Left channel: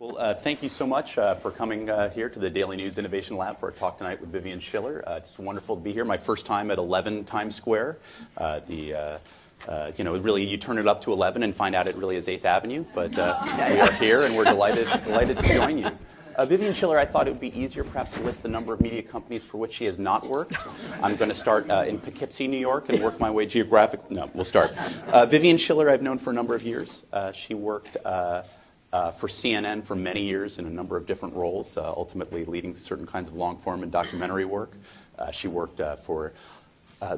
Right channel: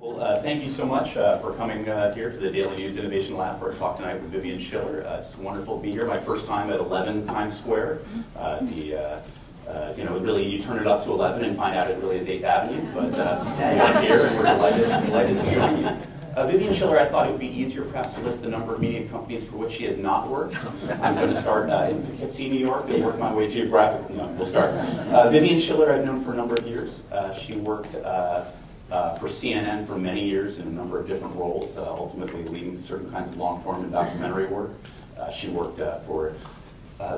Well, thank you so much for coming here to the Daily News Innovation Lab for a talk tonight with Vivian Schiller. It's wonderful to be here. My first time at 11 Times Square. Really, you turn it up to 11 and find out it really is 8th Avenue. But we're here and we're delighted to join you. Vivian Schiller, I thought it would be easier perhaps to list the number of media companies for which she has not worked. I'm going to start in Poughkeepsie, New York, and work my way geographically. No, we'll start. Vivian Schiller I've known for a number of years. She worked for CNN for many years in a number of different roles, ultimately leading certain kinds of long-form and documentary work. She worked for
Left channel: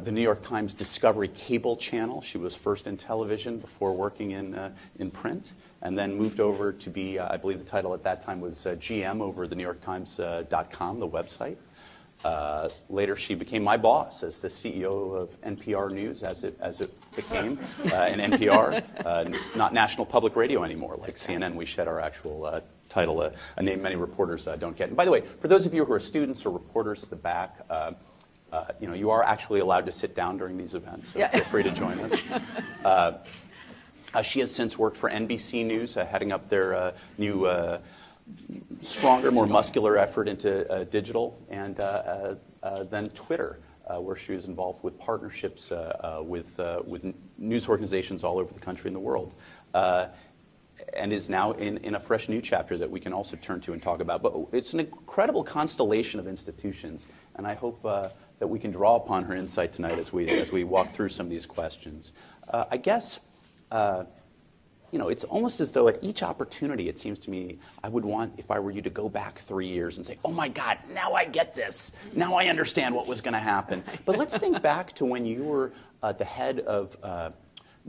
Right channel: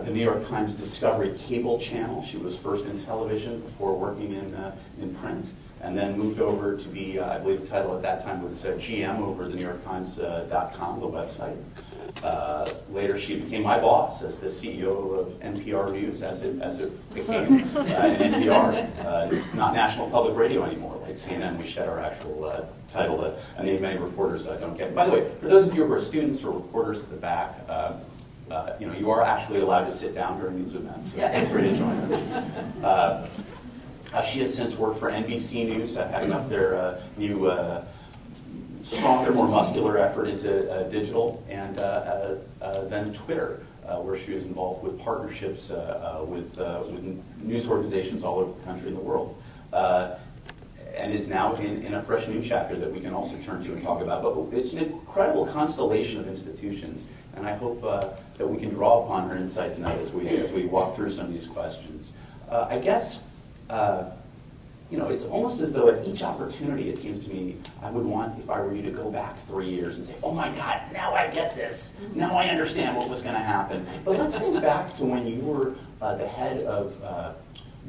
the New York Times Discovery cable channel. She was first in television before working in print, and then moved over to be, I believe the title at that time was GM over the NewYorkTimes.com, the website. Later, she became my boss as the CEO of NPR News, as it became an NPR, not National Public Radio anymore. Like CNN, we shed our actual title, a name many reporters don't get. And by the way, for those of you who are students or reporters at the back, you are actually allowed to sit down during these events, so feel free to join us. She has since worked for NBC News, heading up their new, stronger, more muscular effort into digital, and then Twitter, where she was involved with partnerships with news organizations all over the country and the world. And is now in a fresh new chapter that we can also turn to and talk about. But it's an incredible constellation of institutions, and I hope that we can draw upon her insight tonight as we walk through some of these questions. I guess, it's almost as though at each opportunity, it seems to me, I would want, if I were you, to go back 3 years and say, oh my God, now I get this. Now I understand what was going to happen. But let's think back to when you were the head of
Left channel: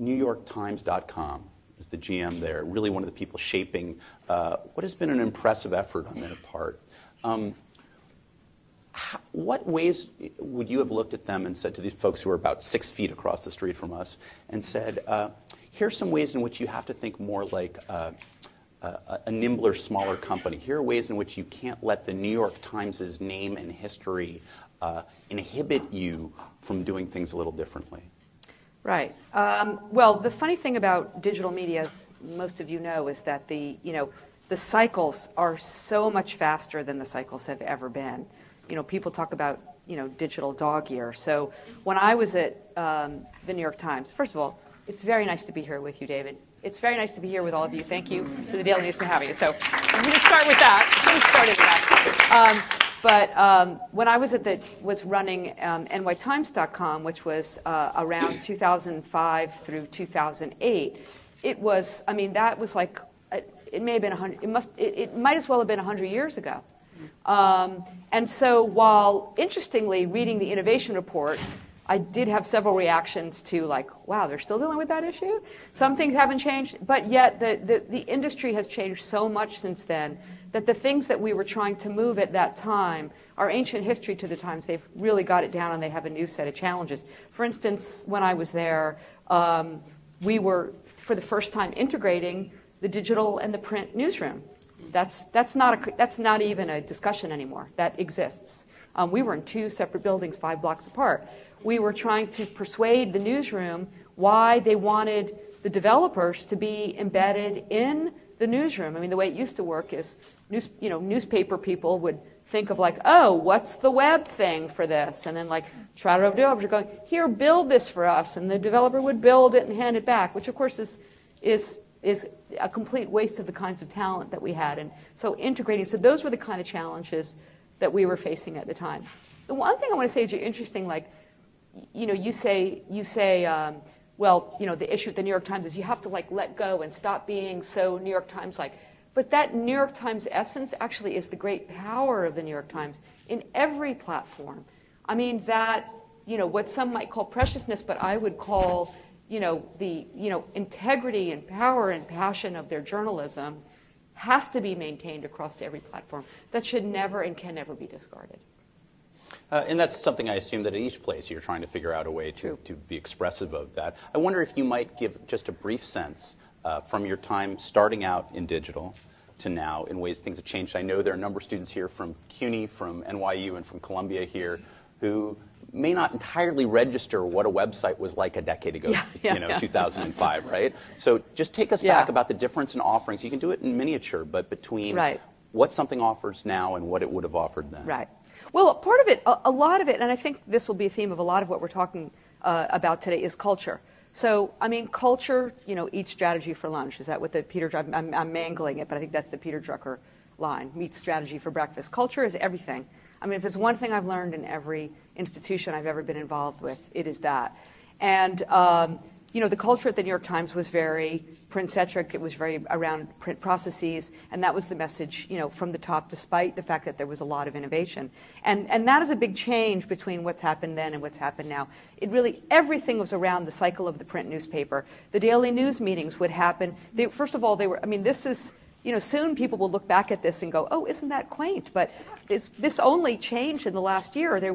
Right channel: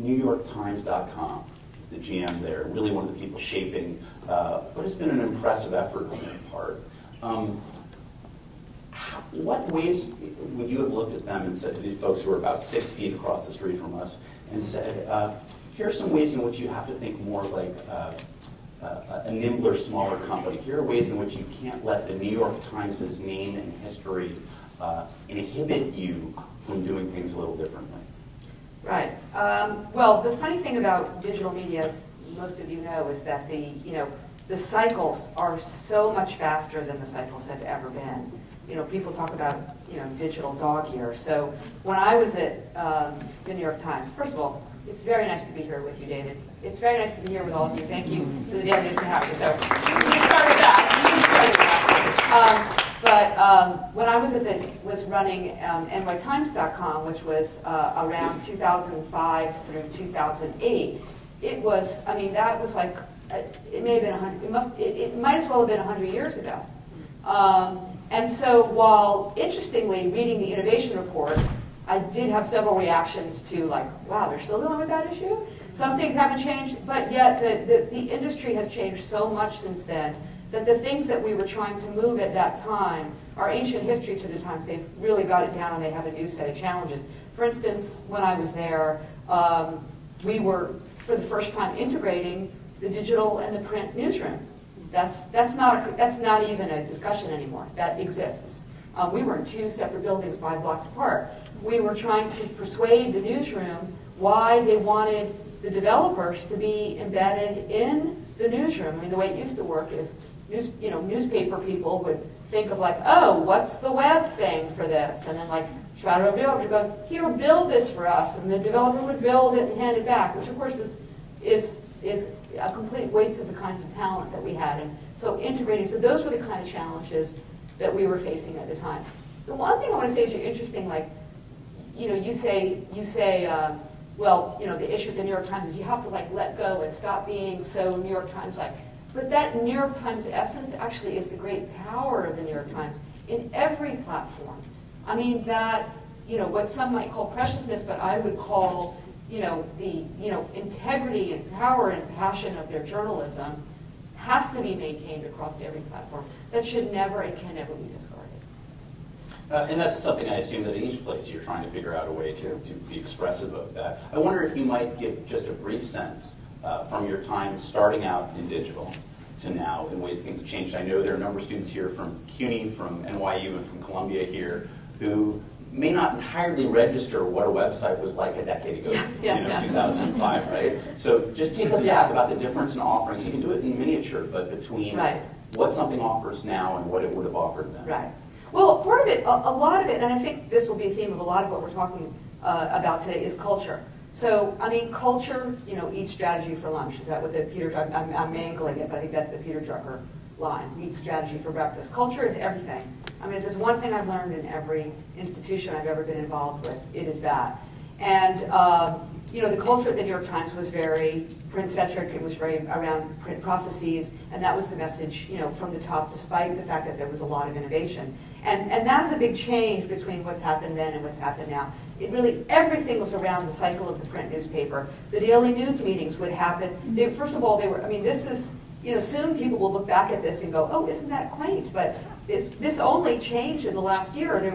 NewYorkTimes.com. The GM there, really one of the people shaping what has been an impressive effort on their part. What ways would you have looked at them and said to these folks who are about 6 feet across the street from us and said, here are some ways in which you have to think more like a nimbler, smaller company. Here are ways in which you can't let the New York Times' name and history inhibit you from doing things a little differently. Right. Well, the funny thing about digital media, as most of you know, is that the cycles are so much faster than the cycles have ever been. People talk about digital dog year. So when I was at the New York Times, first of all, it's very nice to be here with you, David. It's very nice to be here with all of you. Thank you to the Daily News for having you. So let's start with that. But when I was running nytimes.com, which was around 2005 through 2008, it was, that was like, it may have been 100, it might as well have been 100 years ago. And so while, interestingly, reading the innovation report, I did have several reactions to like, wow, they're still dealing with that issue? Some things haven't changed, but yet the industry has changed so much since then that the things that we were trying to move at that time are ancient history to the times. They've really got it down and they have a new set of challenges. For instance, when I was there, we were, for the first time, integrating the digital and the print newsroom. That's not even a discussion anymore. That exists. We were in 2 separate buildings 5 blocks apart. We were trying to persuade the newsroom why they wanted the developers to be embedded in the newsroom. The way it used to work is newspaper people would think of like, oh, what's the web thing for this? And then like try to developers go, here, build this for us. And the developer would build it and hand it back, which of course is a complete waste of the kinds of talent that we had. And so integrating, so those were the kind of challenges that we were facing at the time. The one thing I want to say is you're interesting, like, you say, well, the issue at the New York Times is you have to like let go and stop being so New York Times-like. But that New York Times essence actually is the great power of the New York Times in every platform. That, what some might call preciousness, but I would call, the, integrity and power and passion of their journalism has to be maintained across every platform. That should never and can never be discarded. And that's something I assume that in each place you're trying to figure out a way to be expressive of that. I wonder if you might give just a brief sense from your time starting out in digital to now in ways things have changed. I know there are a number of students here from CUNY, from NYU, and from Columbia here who may not entirely register what a website was like a decade ago, 2005, right? So just take us back about the difference in offerings. You can do it in miniature, but between what something offers now and what it would have offered then. Right. Well, part of it, a lot of it, and I think this will be a theme of a lot of what we're talking about today, is culture. So, I mean, culture, eat strategy for lunch. Is that what the Peter Drucker, I'm mangling it, but I think that's the Peter Drucker line, eat strategy for breakfast. Culture is everything. I mean, if there's one thing I've learned in every institution I've ever been involved with, it is that. And, the culture at the New York Times was very print-centric. It was very around print processes, and that was the message, from the top, despite the fact that there was a lot of innovation. And that is a big change between what's happened then and what's happened now. It really, everything was around the cycle of the print newspaper. The daily news meetings would happen. First of all, this is, soon people will look back at this and go, oh, isn't that quaint? But this only changed in the last year. There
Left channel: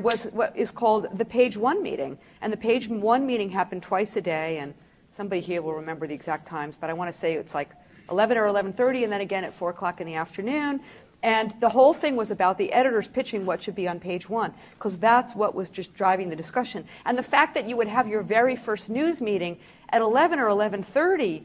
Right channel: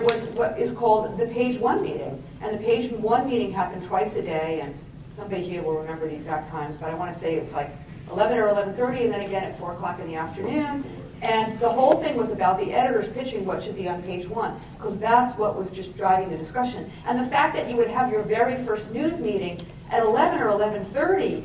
was what is called the Page One meeting. And the Page One meeting happened twice a day, and somebody here will remember the exact times, but I want to say it's like 11 or 11:30, and then again at 4 o'clock in the afternoon. And the whole thing was about the editors pitching what should be on Page One, because that's what was just driving the discussion. And the fact that you would have your very first news meeting at 11 or 11:30,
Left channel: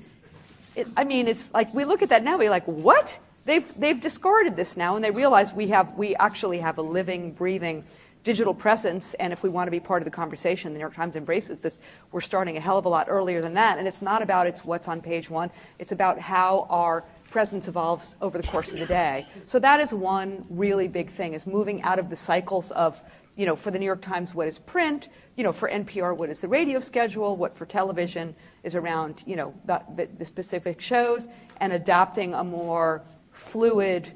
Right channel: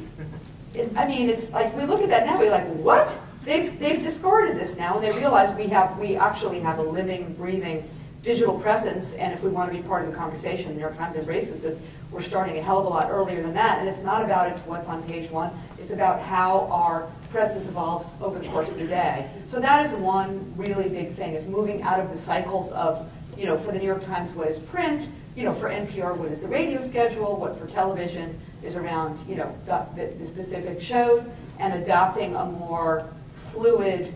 it's like, we look at that now, we're like, what? They've discarded this now, and they realize we actually have a living, breathing digital presence, and if we want to be part of the conversation, the New York Times embraces this. We're starting a hell of a lot earlier than that, and it's not about what's on Page One. It's about how our presence evolves over the course of the day. So that is one really big thing, is moving out of the cycles of, for the New York Times, what is print, for NPR, what is the radio schedule, what for television is around, the specific shows, and adopting a more fluid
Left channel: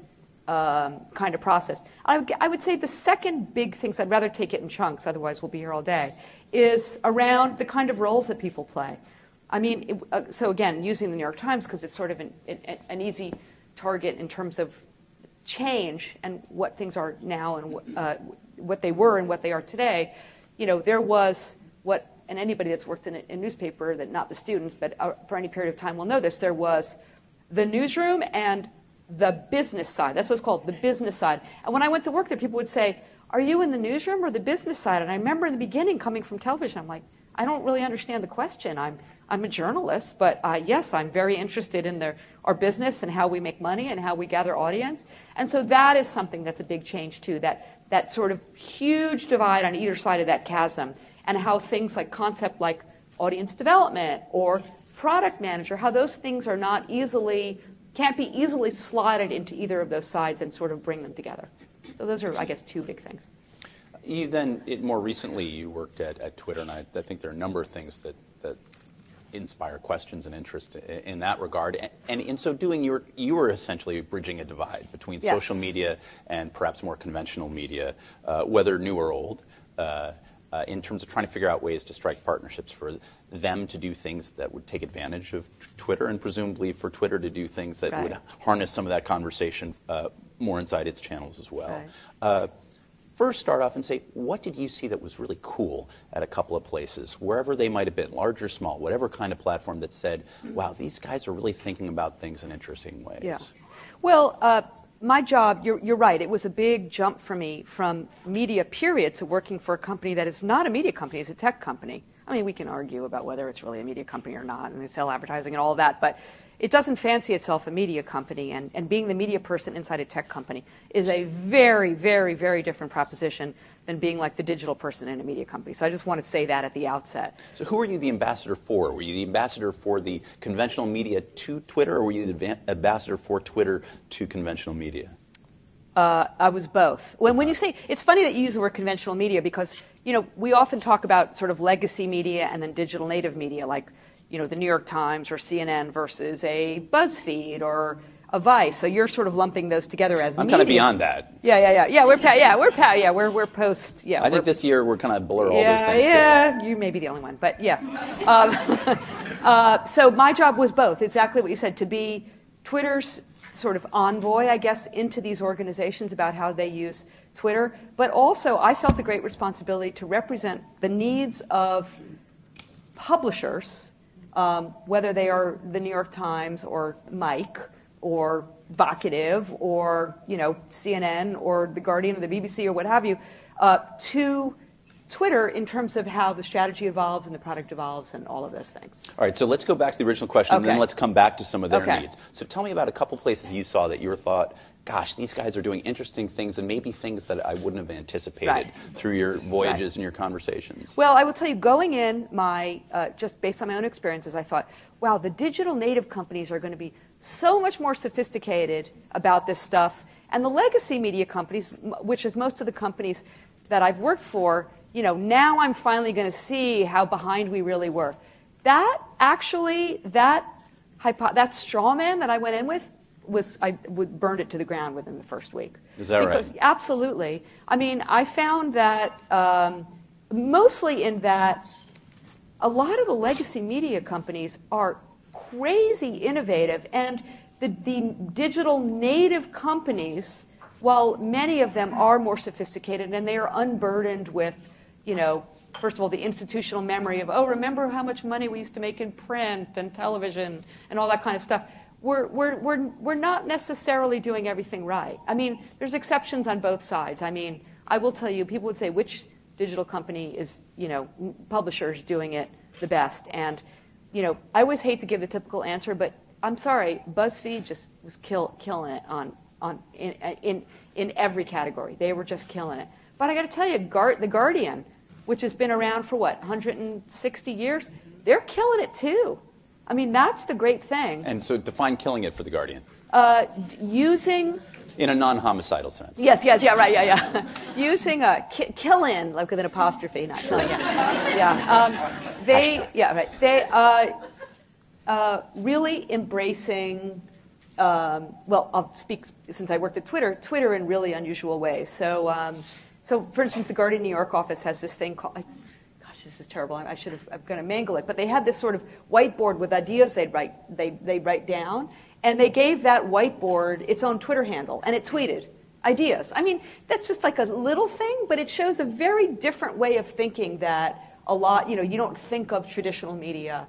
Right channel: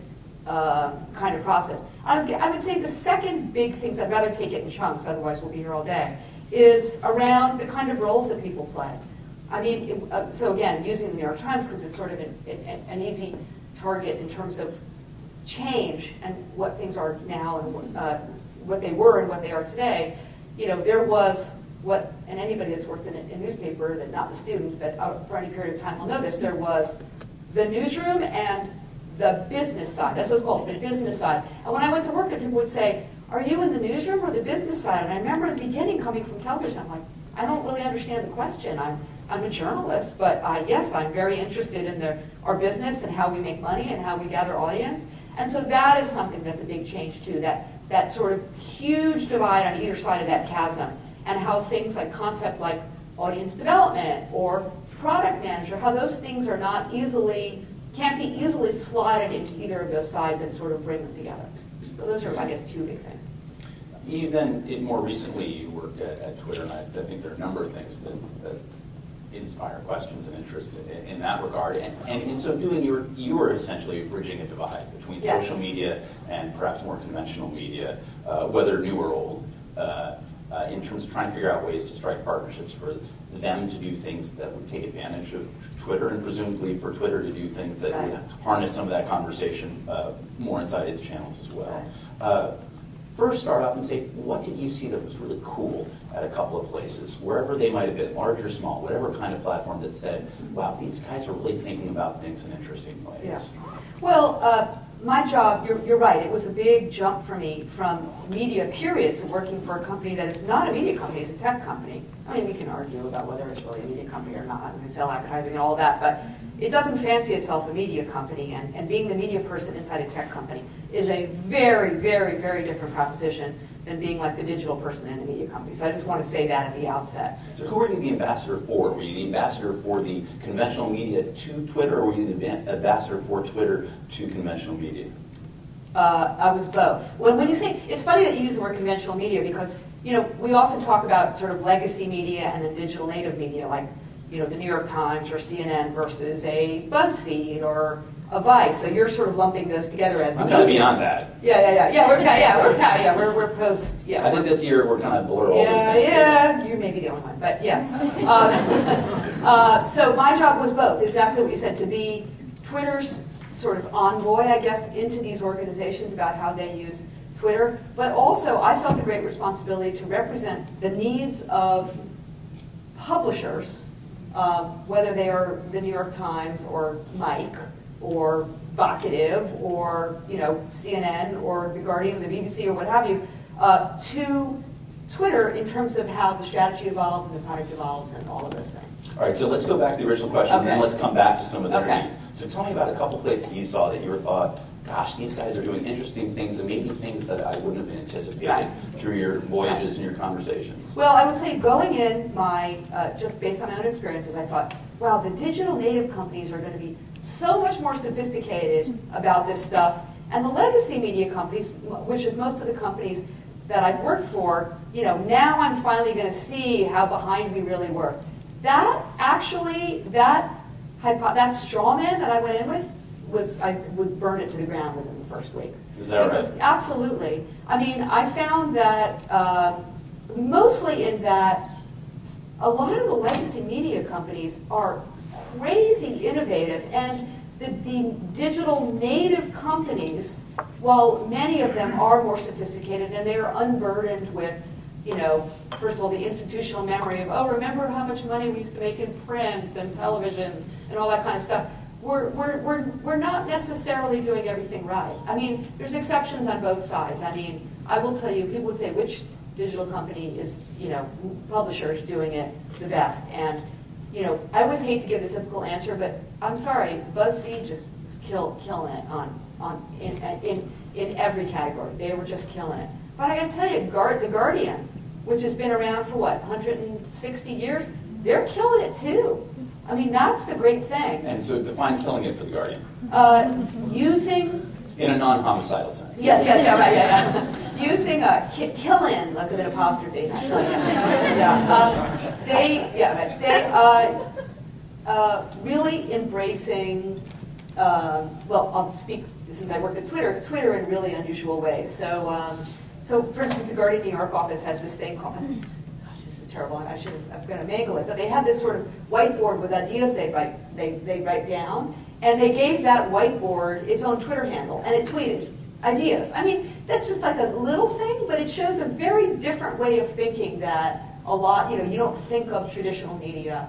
kind of process. I would say the second big thing, so I'd rather take it in chunks, otherwise we'll be here all day, is around the kind of roles that people play. I mean, so again, using the New York Times, because it's sort of an easy target in terms of change and what things are now and what they were and what they are today. There was and anybody that's worked in a newspaper, that not the students, but for any period of time will know this, there was the newsroom and the business side. That's what's called, the business side. And when I went to work there, people would say, are you in the newsroom or the business side? And I remember in the beginning coming from television, I'm like, I don't really understand the question. I'm a journalist, but yes, I'm very interested in our business and how we make money and how we gather audience. And so that is something that's a big change too, that sort of huge divide on either side of that chasm, and how things like concept like audience development or product manager, how those things are can't be easily slotted into either of those sides and sort of bring them together. So those are, I guess, two big things. You then, more recently, you worked at Twitter, and I think there are a number of things that inspire questions and interest in that regard. And in so doing, you were essentially bridging a divide between social media and perhaps more conventional media, whether new or old, in terms of trying to figure out ways to strike partnerships for them to do things that would take advantage of Twitter, and presumably for Twitter to do things that would harness some of that conversation more inside its channels as well. Right. First, start off and say, what did you see that was really cool at a couple of places, wherever they might have been, large or small, whatever kind of platform that said, wow, these guys are really thinking about things in interesting ways? Yeah. Well, my job, you're right, it was a big jump for me from media, period, to working for a company that is not a media company, it's a tech company. I mean, we can argue about whether it's really a media company or not, and they sell advertising and all that, but it doesn't fancy itself a media company, and being the media person inside a tech company is a very, very, very different proposition than being like the digital person in a media company. So I just want to say that at the outset. So who are you the ambassador for? Were you the ambassador for the conventional media to Twitter, or were you the ambassador for Twitter to conventional media? I was both. When you say, it's funny that you use the word conventional media, because we often talk about sort of legacy media and then digital native media, like the New York Times or CNN versus a BuzzFeed or a Vice. So you're sort of lumping those together as I'm media. kind of beyond that. We're post. Yeah, I think this year we're kind of blur all those things together. You may be the only one, but yes. So my job was both, exactly what you said, to be Twitter's sort of envoy, I guess, into these organizations about how they use Twitter. But also, I felt a great responsibility to represent the needs of publishers, whether they are the New York Times or Mike or Vocative or CNN or The Guardian or the BBC or what have you, to Twitter in terms of how the strategy evolves and the product evolves and all of those things. All right, so let's go back to the original question, and then let's come back to some of their Okay. needs. So tell me about a couple places you saw that you thought, gosh, these guys are doing interesting things and maybe things that I wouldn't have anticipated Right. through your voyages and your conversations. Well, I will tell you, going in, just based on my own experiences, I thought, wow, the digital native companies are going to be so much more sophisticated about this stuff. And the legacy media companies, which is most of the companies that I've worked for, now I'm finally going to see how behind we really were. That actually, that straw man that I went in with, I would burn it to the ground within the first week. Is that right? Absolutely. I mean, I found that mostly in that a lot of the legacy media companies are crazy innovative, and the digital native companies, while many of them are more sophisticated and they are unburdened with, first of all, the institutional memory of, remember how much money we used to make in print and television and all that kind of stuff. We're not necessarily doing everything right. I mean, there's exceptions on both sides. I mean, I will tell you, people would say, which digital company is, publishers doing it the best? And, I always hate to give the typical answer, but I'm sorry, BuzzFeed just was killing it in every category. They were just killing it. But I got to tell you, The Guardian, which has been around for 160 years, they're killing it too. I mean, that's the great thing. And so define killing it for The Guardian. Using... In a non-homicidal sense. Yes, right, yeah. Using killing, like with an apostrophe, not killing it. They really embracing, I'll speak, since I worked at Twitter in really unusual ways. So for instance, the Guardian New York office has this thing called, this is terrible, I'm going to mangle it, but they had this sort of whiteboard with ideas they'd write down, and they gave that whiteboard its own Twitter handle, and it tweeted ideas. I mean, that's just like a little thing, but it shows a very different way of thinking that a lot, you don't think of traditional media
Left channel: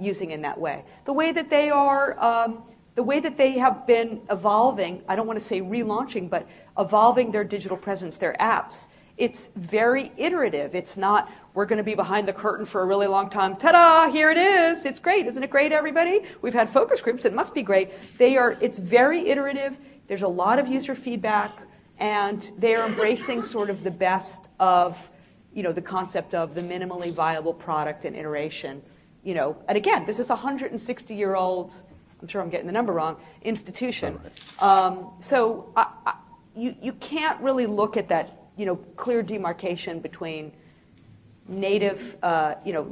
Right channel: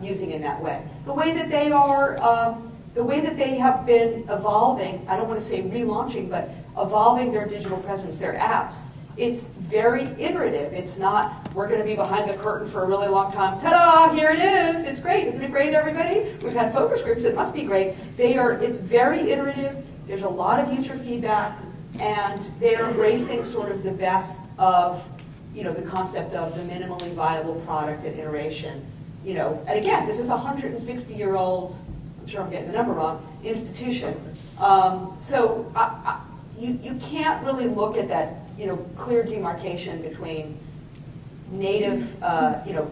using in that way. The way that they are, the way that they have been evolving, I don't want to say relaunching, but evolving their digital presence, their apps. It's very iterative. It's not, we're going to be behind the curtain for a really long time. Ta-da, here it is. It's great. Isn't it great, everybody? We've had focus groups. It must be great. It's very iterative. There's a lot of user feedback, and they're embracing sort of the best of, the concept of the minimally viable product and iteration. And again, this is a 160-year-old, I'm sure I'm getting the number wrong, institution. So you can't really look at that clear demarcation between native,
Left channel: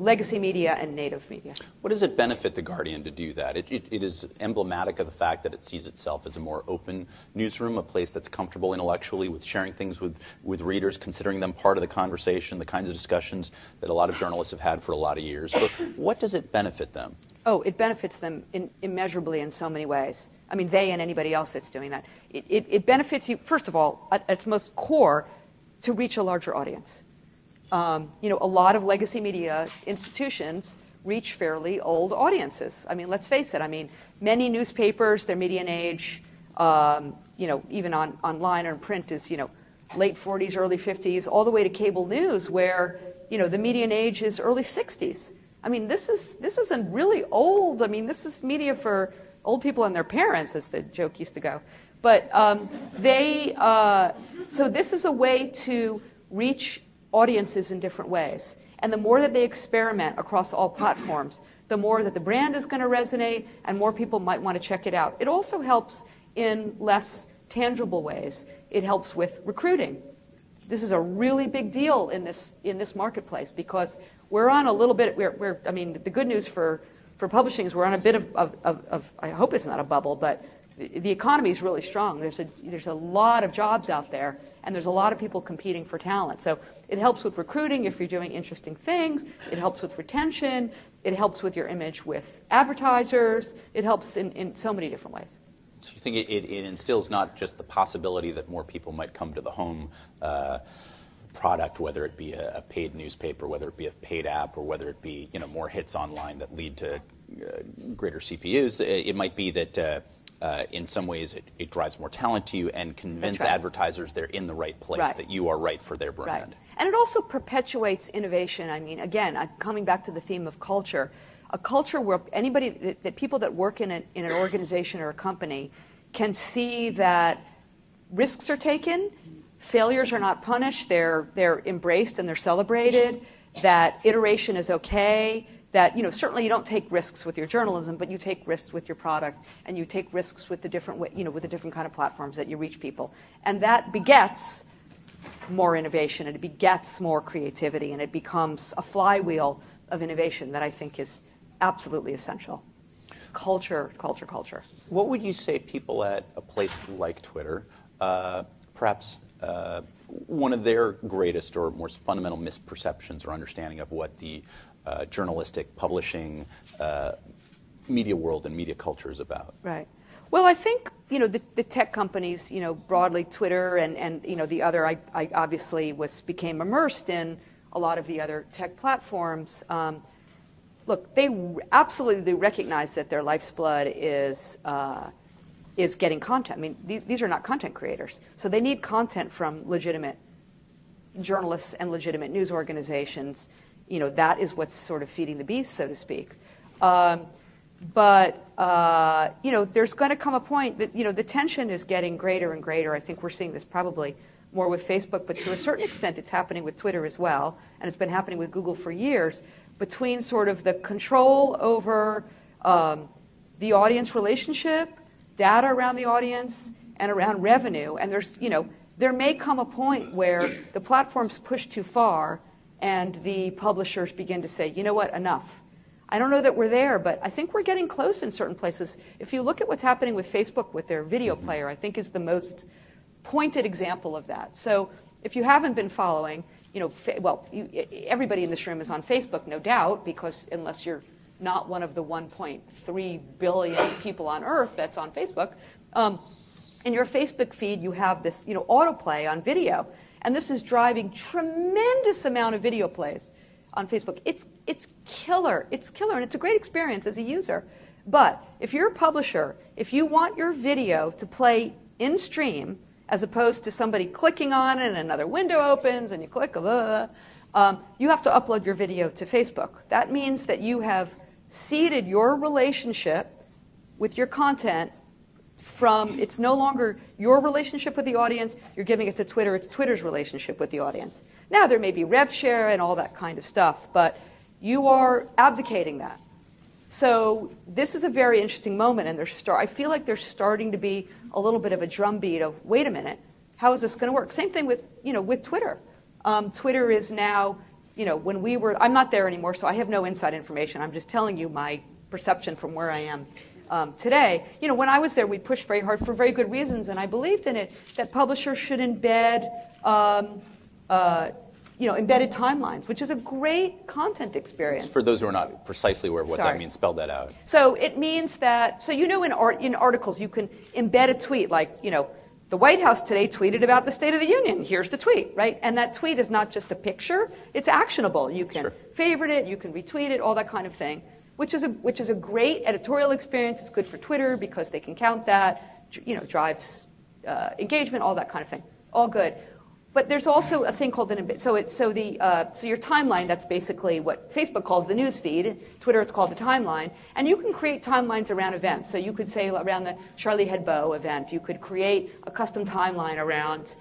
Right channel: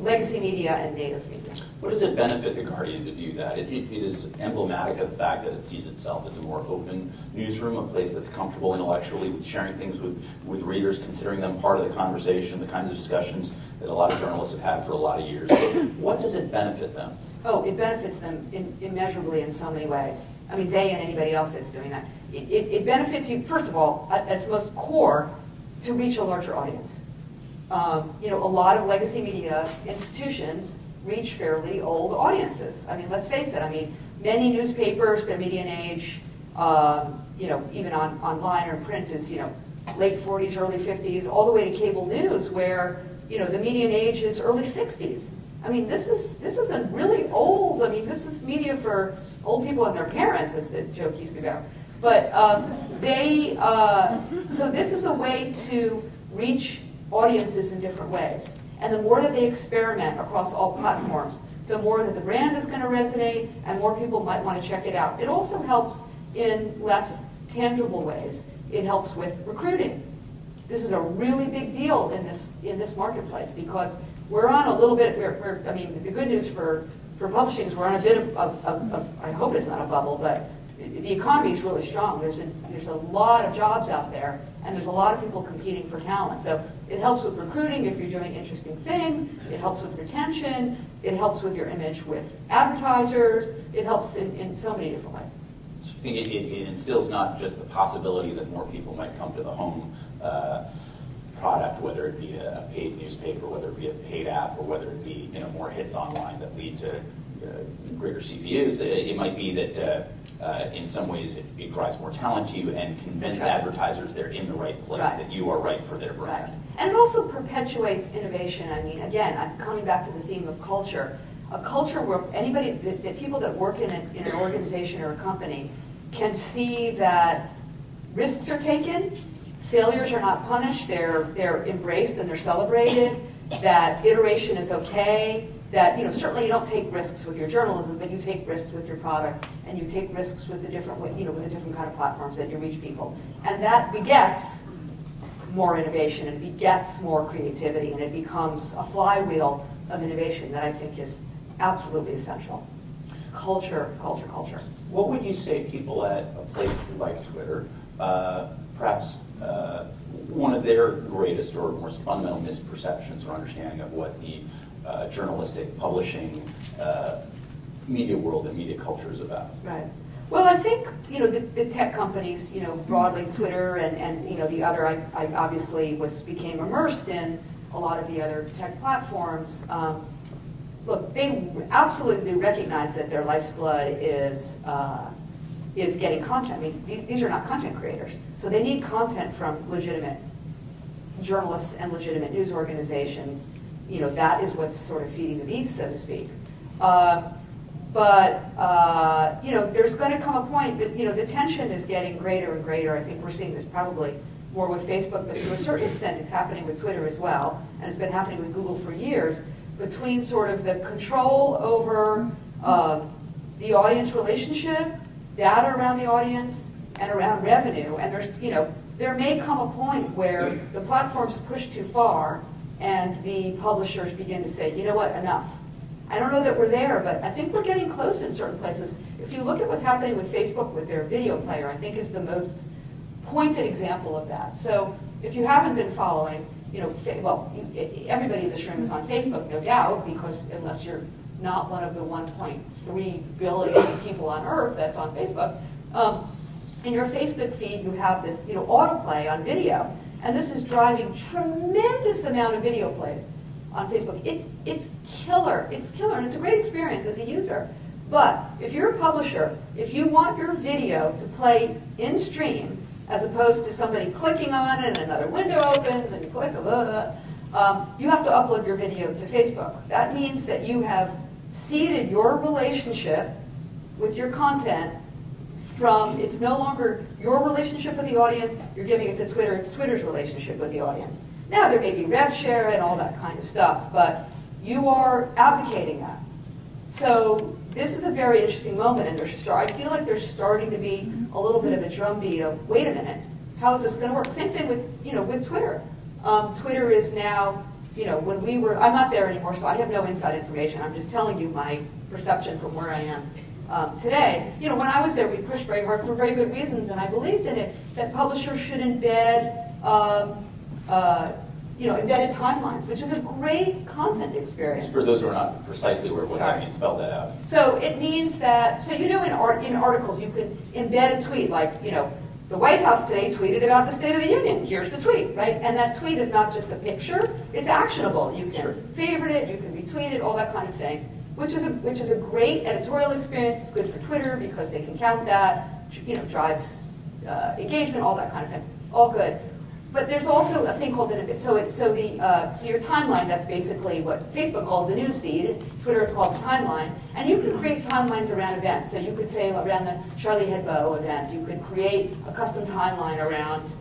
legacy media and native media. What does it benefit The Guardian to do that? It is emblematic of the fact that it sees itself as a more open newsroom, a place that's comfortable intellectually with sharing things with readers, considering them part of the conversation, the kinds of discussions that a lot of journalists have had for a lot of years. But what does it benefit them? Oh, it benefits them immeasurably in so many ways. I mean, they and anybody else that's doing that. It benefits you, first of all, at its most core, to reach a larger audience. A lot of legacy media institutions reach fairly old audiences. I mean, let's face it. I mean, many newspapers, their median age, even online or in print is, late 40s, early 50s, all the way to cable news, where, the median age is early 60s. I mean, this isn't really old. I mean, this is media for old people and their parents, as the joke used to go. But so this is a way to reach audiences in different ways. And the more that they experiment across all platforms, the more that the brand is going to resonate and more people might want to check it out. It also helps in less tangible ways. It helps with recruiting. This is a really big deal in this marketplace because we're on a little bit, I mean, the good news for publishing is we're on a bit of I hope it's not a bubble, but the economy is really strong. There's a lot of jobs out there, and there's a lot of people competing for talent. So it helps with recruiting if you're doing interesting things. It helps with retention. It helps with your image with advertisers. It helps in so many different ways. So you think it instills not just the possibility that more people might come to the home product, whether it be a paid newspaper, whether it be a paid app, or whether it be more hits online that lead to greater CPUs. It might be that in some ways it drives more talent to you and convince advertisers they're in the right place, that you are right for their brand. Right. And it also perpetuates innovation. I mean, again, I'm coming back to the theme of culture. A culture where anybody, that people that work in an organization or a company can see that risks are taken, failures are not punished, they're embraced and they're celebrated, that iteration is okay, that certainly you don't take risks with your journalism, but you take risks with your product, and you take risks with the different with the different kind of platforms that you reach people, and that begets more innovation, and it begets more creativity, and it becomes a flywheel of innovation that I think is absolutely essential. Culture, culture, culture. What would you say to people at a place like Twitter, perhaps one of their greatest or most fundamental misperceptions or understanding of what the journalistic, publishing, media world and media culture is about? Right. Well, I think the tech companies, broadly Twitter and the other. I obviously became immersed in a lot of the other tech platforms. Look, they absolutely recognize that their life's blood is getting content. I mean, these are not content creators, so they need content from legitimate journalists and legitimate news organizations. That is what's sort of feeding the beast, so to speak. But there's going to come a point that the tension is getting greater and greater. I think we're seeing this probably more with Facebook, but to a certain extent it's happening with Twitter as well, and it's been happening with Google for years, between sort of the control over the audience relationship, data around the audience, and around revenue. And there may come a point where the platforms push too far and the publishers begin to say, you know what, enough. I don't know that we're there, but I think we're getting close in certain places. If you look at what's happening with Facebook with their video player, I think is the most pointed example of that. So if you haven't been following, everybody in this room is on Facebook, no doubt, because unless you're not one of the 1.3 billion people on Earth that's on Facebook, in your Facebook feed you have this autoplay on video, and this is driving tremendous amount of video plays on Facebook. It's killer. It's killer, and it's a great experience as a user. But if you're a publisher, if you want your video to play in stream, as opposed to somebody clicking on it and another window opens and you click, you have to upload your video to Facebook. That means that you have seeded your relationship with your content from, it's no longer your relationship with the audience, you're giving it to Twitter, it's Twitter's relationship with the audience. Now there may be rev share and all that kind of stuff, but you are abdicating that. So this is a very interesting moment, and I feel like there's starting to be a little bit of a drumbeat of, wait a minute, how is this going to work? Same thing with, with Twitter. Twitter is now, when we were, I'm not there anymore, so I have no inside information. I'm just telling you my perception from where I am today. When I was there, we pushed very hard for very good reasons, and I believed in it, that publishers should embed embedded timelines, which is a great content experience. For those who are not precisely aware of what that means, spell that out. So it means that, in articles you can embed a tweet, like, the White House today tweeted about the State of the Union. Here's the tweet, right? And that tweet is not just a picture, it's actionable. You can favorite it, you can retweet it, all that kind of thing, which is a great editorial experience. It's good for Twitter because they can count that, drives engagement, all that kind of thing. All good. But there's also a thing called so your timeline, that's basically what Facebook calls the news feed. Twitter, it's called the timeline. And you can create timelines around events. So you could say around the Charlie Hebdo event, you could create a custom timeline around,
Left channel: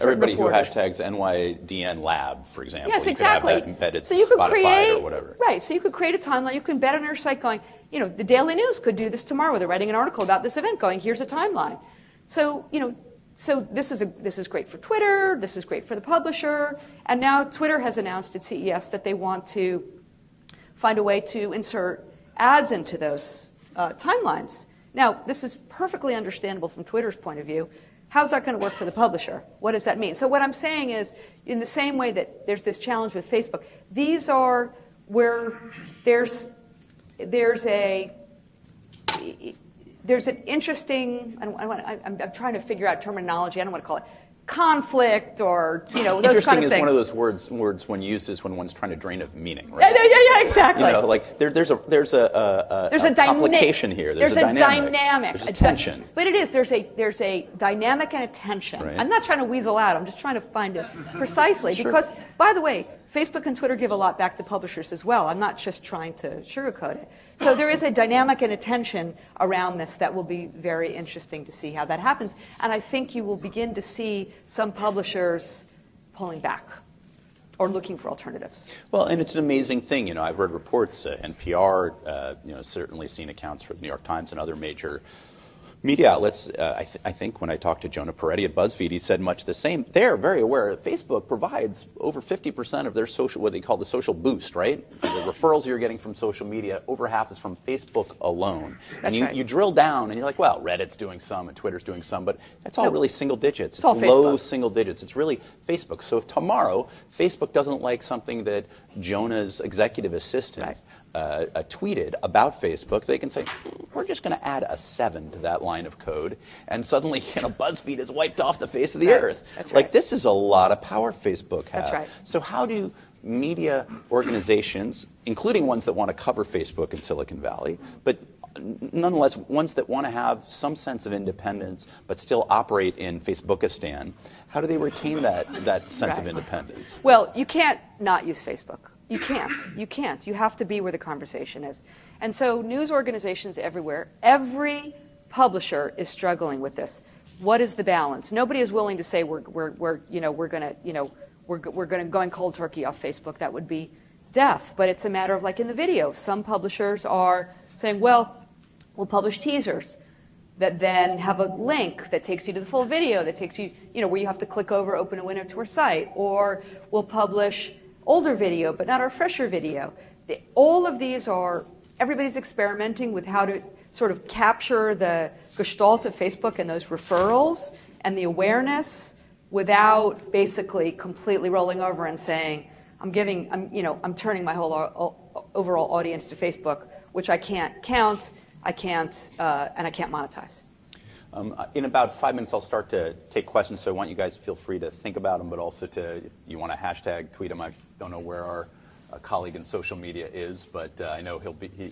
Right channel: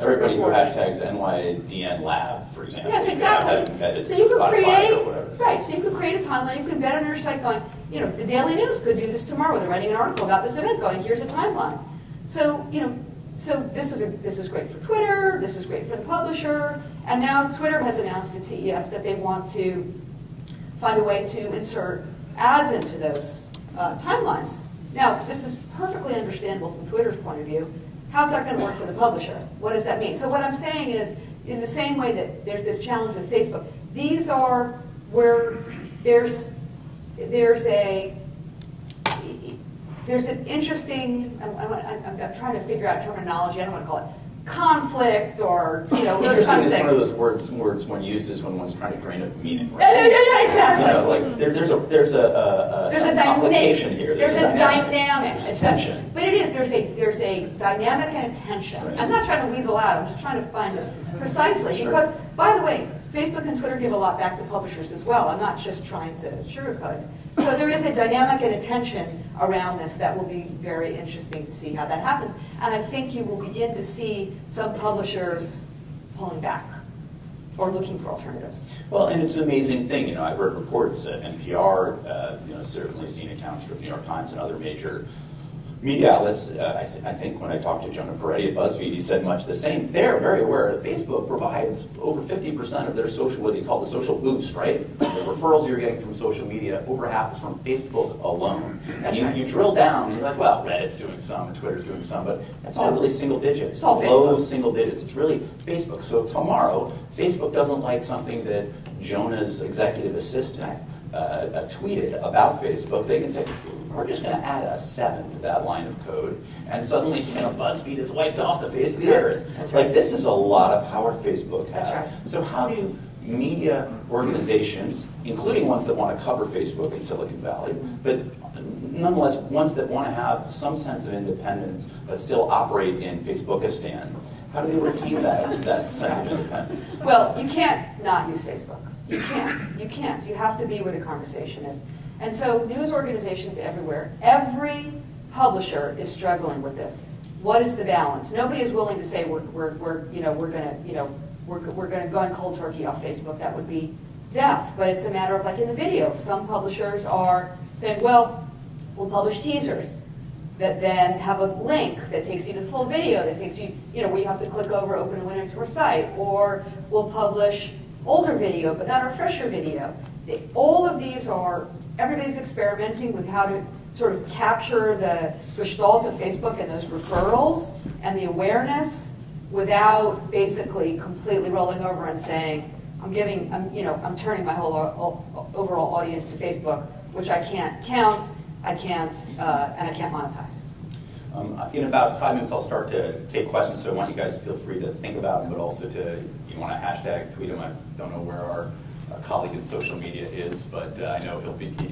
everybody who hashtags NYDN Lab, for example. Yes, exactly. You could have that embedded so you could Spotify create, or whatever. Right, so you could create a timeline. You could embed on your site going, the Daily News could do this tomorrow. They're writing an article about this event going, here's a timeline. So, so this is great for Twitter, this is great for the publisher, and now Twitter has announced at CES that they want to find a way to insert ads into those timelines. Now, this is perfectly understandable from Twitter's point of view. How's that going to work for the publisher? What does that mean? So what I'm saying is, in the same way that there's this challenge with Facebook, these are where there's an interesting, I'm trying to figure out terminology, I don't want to call it, conflict or, those Interesting kind of is things. one of those words one uses when one's trying to drain a meaning, right? Yeah, exactly. Like there's a complication here. There's a dynamic. There's a tension. But it is. There's a dynamic and a tension. Right. I'm not trying to weasel out. I'm just trying to find it precisely. Sure. Because, by the way, Facebook and Twitter give a lot back to publishers as well. I'm not just trying to sugarcoat it. So there is a dynamic and a tension around this that will be very interesting to see how that happens. And I think you will begin to see some publishers pulling back or looking for alternatives. Well, and it's an amazing thing. I've heard reports, NPR, certainly seen accounts from the New York Times and other major media outlets. I think when I talked to Jonah Peretti at BuzzFeed, he said much the same. They're very aware that Facebook provides over 50% of their social, what they call the social boost, right? The referrals you're getting from social media, over half is from Facebook alone. And you drill down and you're like, well, Reddit's doing some and Twitter's doing some, but it's all really single digits. It's all low Facebook. Single digits. It's really Facebook. So if tomorrow Facebook doesn't like something that Jonah's executive assistant tweeted about Facebook, they can say, we're just going to add a 7 to that line of code, and suddenly BuzzFeed is wiped off the face of the earth. That's right. Like, this is a lot of power Facebook has. That's right. So how do media organizations, including ones that want to cover Facebook in Silicon Valley, but nonetheless ones that want to have some sense of independence but still operate in Facebookistan, how do they retain that sense of independence? Well, you can't not use Facebook. You can't. You can't. You have to be where the conversation is. And so news organizations everywhere, every publisher is struggling with this. What is the balance? Nobody is willing to say we're going to go cold turkey off Facebook. That would be death. But it's a matter of, like in the video, some publishers are saying, well, we'll publish teasers that then have a link that takes you to the full video, that takes you, where you have to click over, open a window to our site, or we'll publish older video, but not our fresher video. All of these are, everybody's experimenting with how to sort of capture the gestalt of Facebook and those referrals and the awareness without basically completely rolling over and saying, I'm turning my whole overall audience to Facebook, which I can't count, and I can't monetize. In about 5 minutes, I'll start to take questions, so I want you guys to feel free to think about them, but also you want to hashtag, tweet them. I don't know where our colleague in social media is, but I know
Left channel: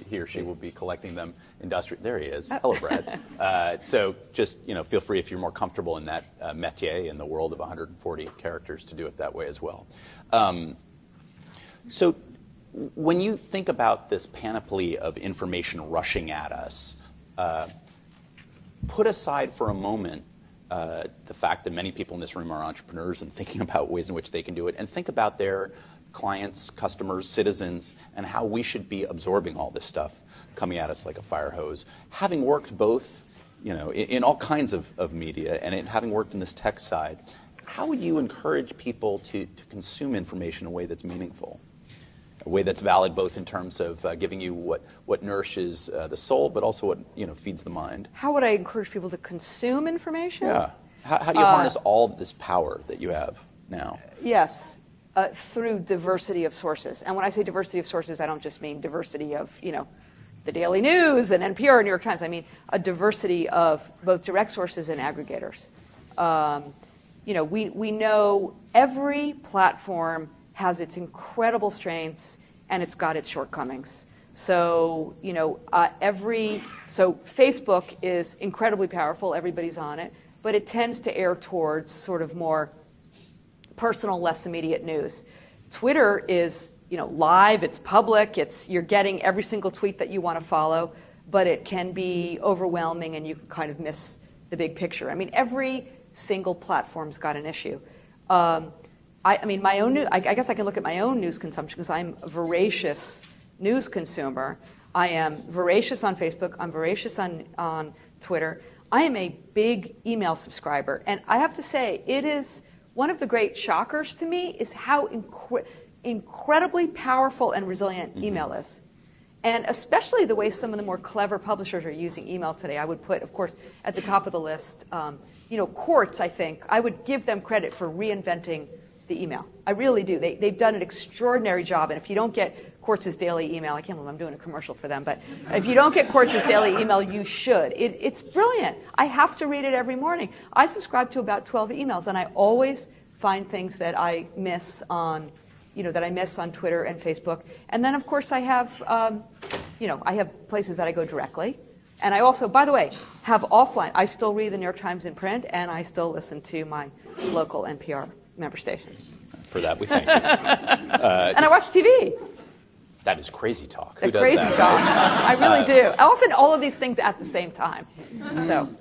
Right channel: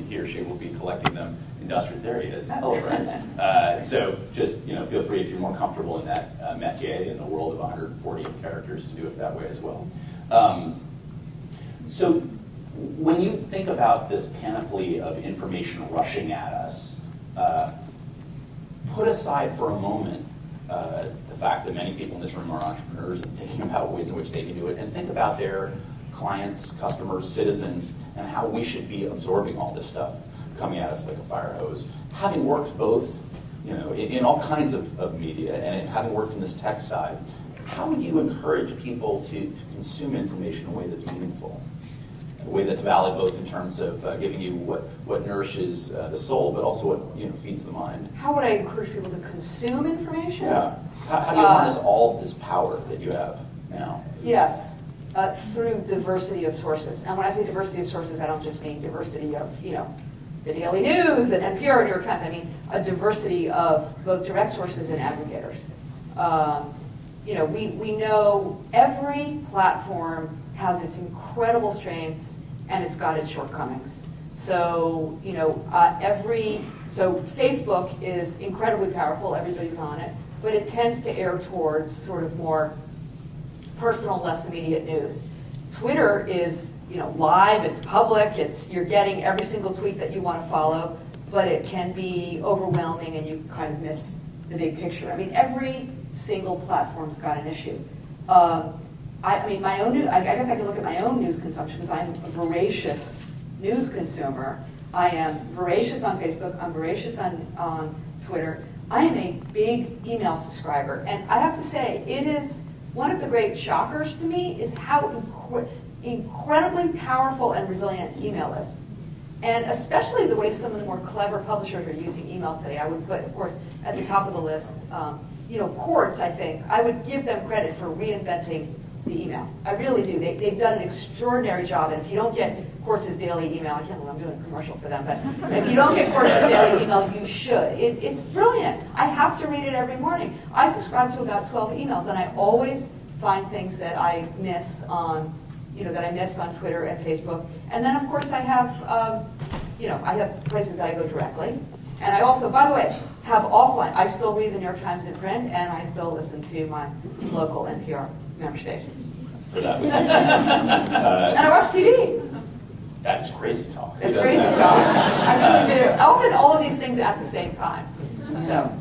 he or she will be collecting them industrially. There he is. Hello, Brent. So just feel free, if you're more comfortable in that métier, in the world of 140 characters, to do it that way as well. So when you think about this panoply of information rushing at us, put aside for a moment the fact that many people in this room are entrepreneurs and thinking about ways in which they can do it, and think about their clients, customers, citizens, and how we should be absorbing all this stuff coming at us like a fire hose. Having worked both, in all kinds of media, and having worked in this tech side, how would you encourage people to consume information in a way that's meaningful? A way that's valid both in terms of giving you what nourishes the soul, but also what feeds the mind. How would I encourage people to consume information? Yeah. How do you harness all of this power that you have now? Yes, through diversity of sources. And when I say diversity of sources, I don't just mean diversity of the Daily News and NPR and New York Times. I mean a diversity of both direct sources and aggregators. We know every platform has its incredible strengths and it's got its shortcomings. So, Facebook is incredibly powerful, everybody's on it, but it tends to err towards sort of more personal, less immediate news. Twitter is, live, it's public, you're getting every single tweet that you want to follow, but it can be overwhelming and you kind of miss the big picture. I mean, every single platform's got an issue. I guess I can look at my own news consumption because I'm a voracious news consumer. I am voracious on Facebook. I'm voracious on Twitter. I am a big email subscriber. And I have to say, it is one of the great shockers to me is how incredibly powerful and resilient email is. And especially the way some of the more clever publishers are using email today. I would put, of course, at the top of the list, Quartz, I think. I would give them credit for reinventing the email. I really do. They've done an extraordinary job, and if you don't get Quartz's daily email, I can't believe I'm doing a commercial for them, but if you don't get Quartz's daily email, you should. It's brilliant. I have to read it every morning. I subscribe to about 12 emails, and I always find things that I miss on, that I miss on Twitter and Facebook. And then, of course, I have, I have places that I go directly. And I also, by the way, have offline. I still read the New York Times in print, and I still listen to my local NPR member station. For that, we thank you. And I watch TV. That is crazy talk. Crazy talk. I really do. Often all of these things at the same time. So,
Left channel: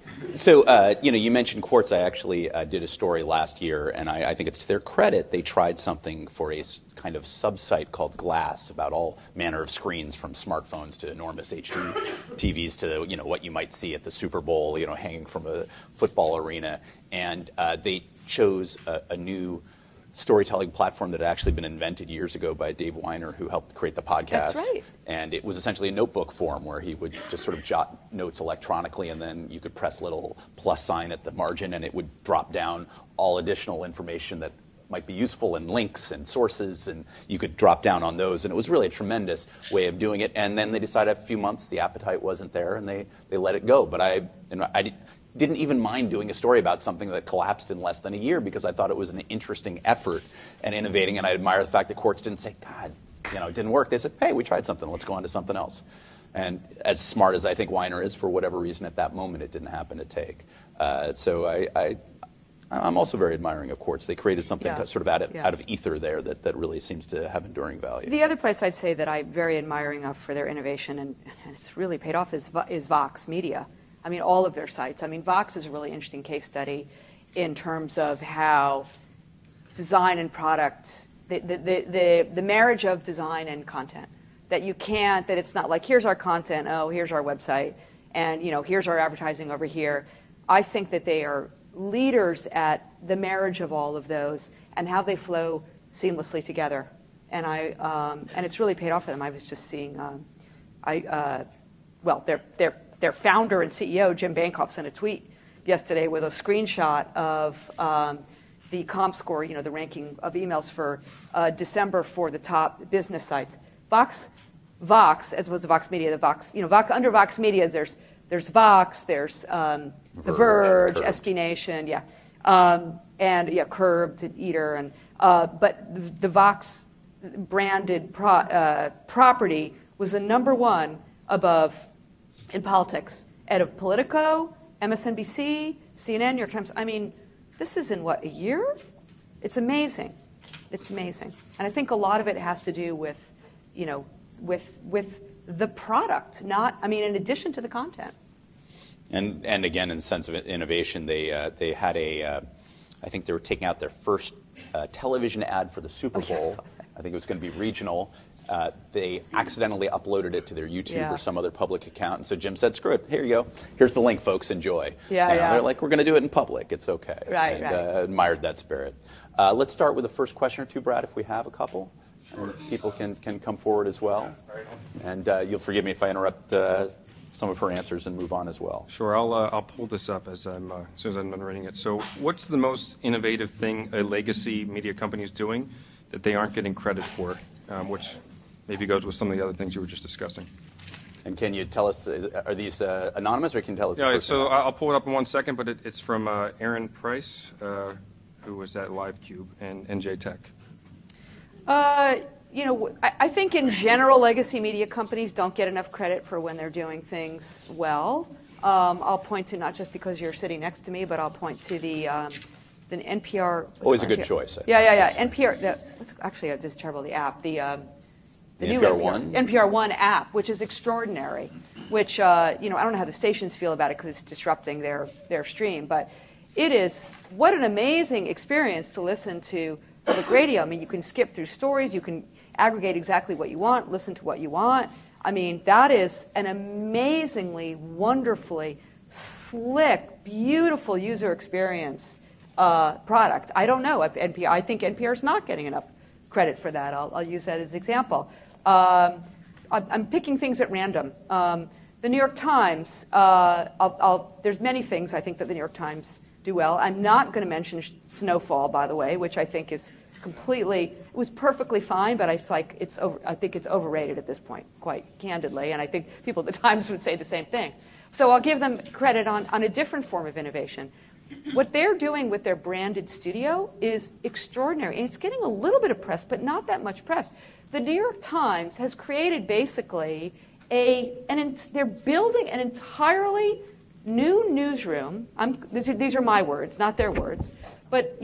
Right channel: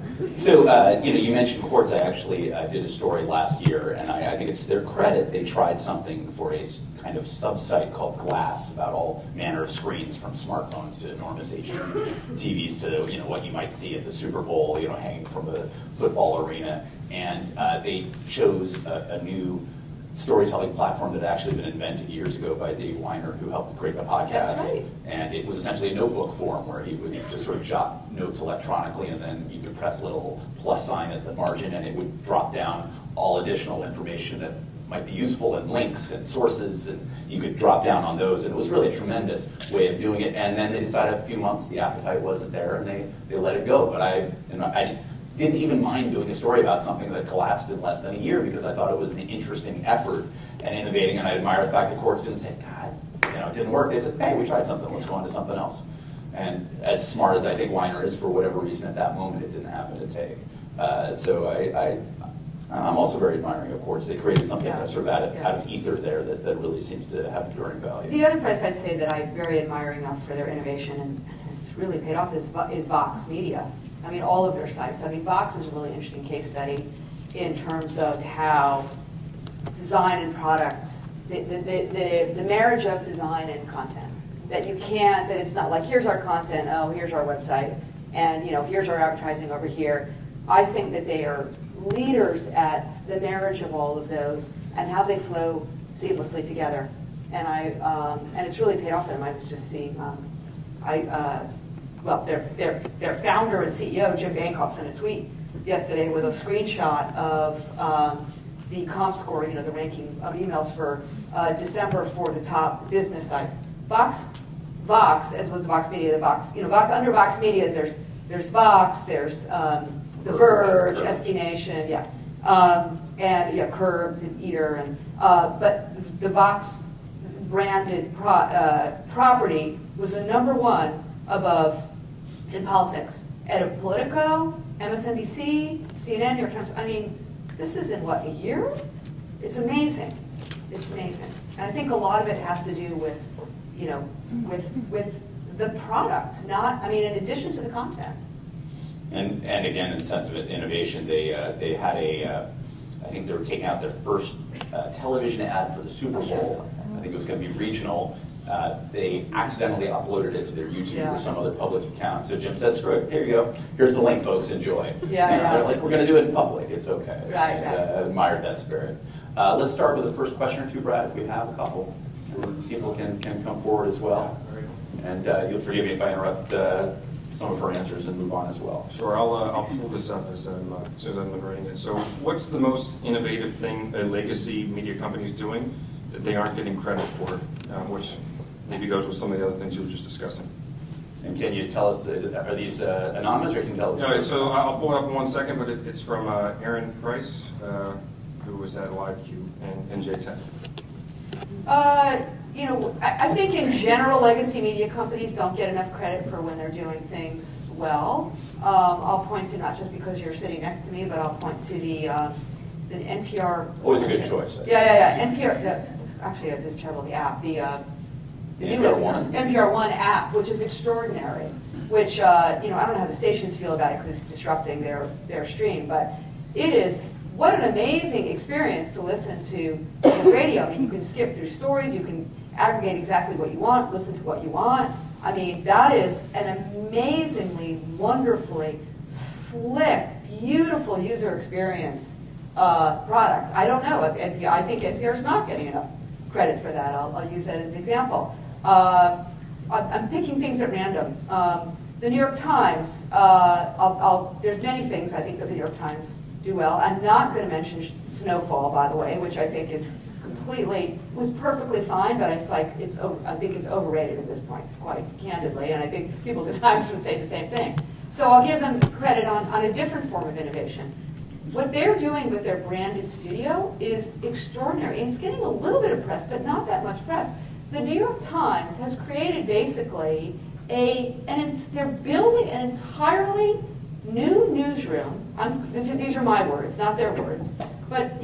you mentioned Quartz. I actually did a story last year, and I think it's to their credit. They tried something for a kind of sub-site called Glass about all manner of screens, from smartphones to enormous HD TVs to what you might see at the Super Bowl, hanging from a football arena. And they chose a new storytelling platform that had actually been invented years ago by Dave Weiner, who helped create the podcast. That's right. And it was essentially a notebook form where he would just sort of jot notes electronically, and then you could press a little plus sign at the margin, and it would drop down all additional information that might be useful, and links and sources, and you could drop down on those. And it was really a tremendous way of doing it. And then they decided a few months the appetite wasn't there, and they let it go. But I didn't even mind doing a story about something that collapsed in less than a year, because I thought it was an interesting effort and innovating, and I admire the fact that Quartz didn't say, God, it didn't work. They said, hey, we tried something, let's go on to something else. And as smart as I think Weiner is, for whatever reason at that moment, it didn't happen to take. So I'm also very admiring of Quartz. They created something sort of out of ether there that really seems to have enduring value. The other place I'd say that I'm very admiring of for their innovation, and it's really paid off, is Vox Media. I mean, all of their sites. I mean, Vox is a really interesting case study in terms of how design and products, the marriage of design and content, that it's not like, here's our content, here's our website, and here's our advertising over here. I think that they are leaders at the marriage of all of those and how they flow seamlessly together. And and it's really paid off for them. I was just seeing, their founder and CEO, Jim Bankoff, sent a tweet yesterday with a screenshot of the ComScore, the ranking of emails for December for the top business sites. Vox, as was Vox Media, under Vox Media, there's Vox, there's The Verge, SB Nation, Curbed and Eater, and but the Vox branded property was the number one above in politics. At Politico, MSNBC, CNN, New York Times. I mean, this is in a year? It's amazing. It's amazing. And I think a lot of it has to do with, with the product, in addition to the content. And again, in the sense of innovation, they had I think they were taking out their first television ad for the Super Bowl. Yes. I think it was going to be regional. They accidentally uploaded it to their YouTube or some other public account. So Jim said, screw it, here you go. Here's the link, folks, enjoy. They're like, we're going to do it in public. It's okay. Right. Admired that spirit. Let's start with the first question or two, Brad, if we have a couple. People can come forward as well. And you'll forgive me if I interrupt some of her answers and move on as well. Sure, I'll pull this up as soon as I'm reading it. So what's the most innovative thing a legacy media company is doing that they aren't getting credit for, which maybe goes with some of the other things you were just discussing? And can you tell us, are these anonymous, or can you tell us? Yeah, so I'll pull it up in 1 second, but it's from Aaron Price, who was at LiveCube and NJ Tech. I think in general, legacy media companies don't get enough credit for when they're doing things well. I'll point to, not just because you're sitting next to me, but I'll point to the NPR. Always a good choice. NPR. That's actually this is terrible. The app, the new NPR One app, which is extraordinary. Which I don't know how the stations feel about it because it's disrupting their stream, but it is. What an amazing experience to listen to the radio. I mean, you can skip through stories, you can aggregate exactly what you want, listen to what you want. I mean, that is an amazingly, wonderfully slick, beautiful user experience product. I don't know if NPR, I think NPR's not getting enough credit for that. I'll use that as an example. I'm picking things at random. The New York Times, there's many things I think that the New York Times do well. I'm not going to mention Snowfall, by the way, which I think is completely, it was perfectly fine, but it's like, I think it's overrated at this point, quite candidly, and I think people at the Times would say the same thing. So I'll give them credit on a different form of innovation. What they're doing with their branded studio is extraordinary, and it's getting a little bit of press, but not that much press. The New York Times has created basically they're building an entirely new newsroom. These are my words, not their words, but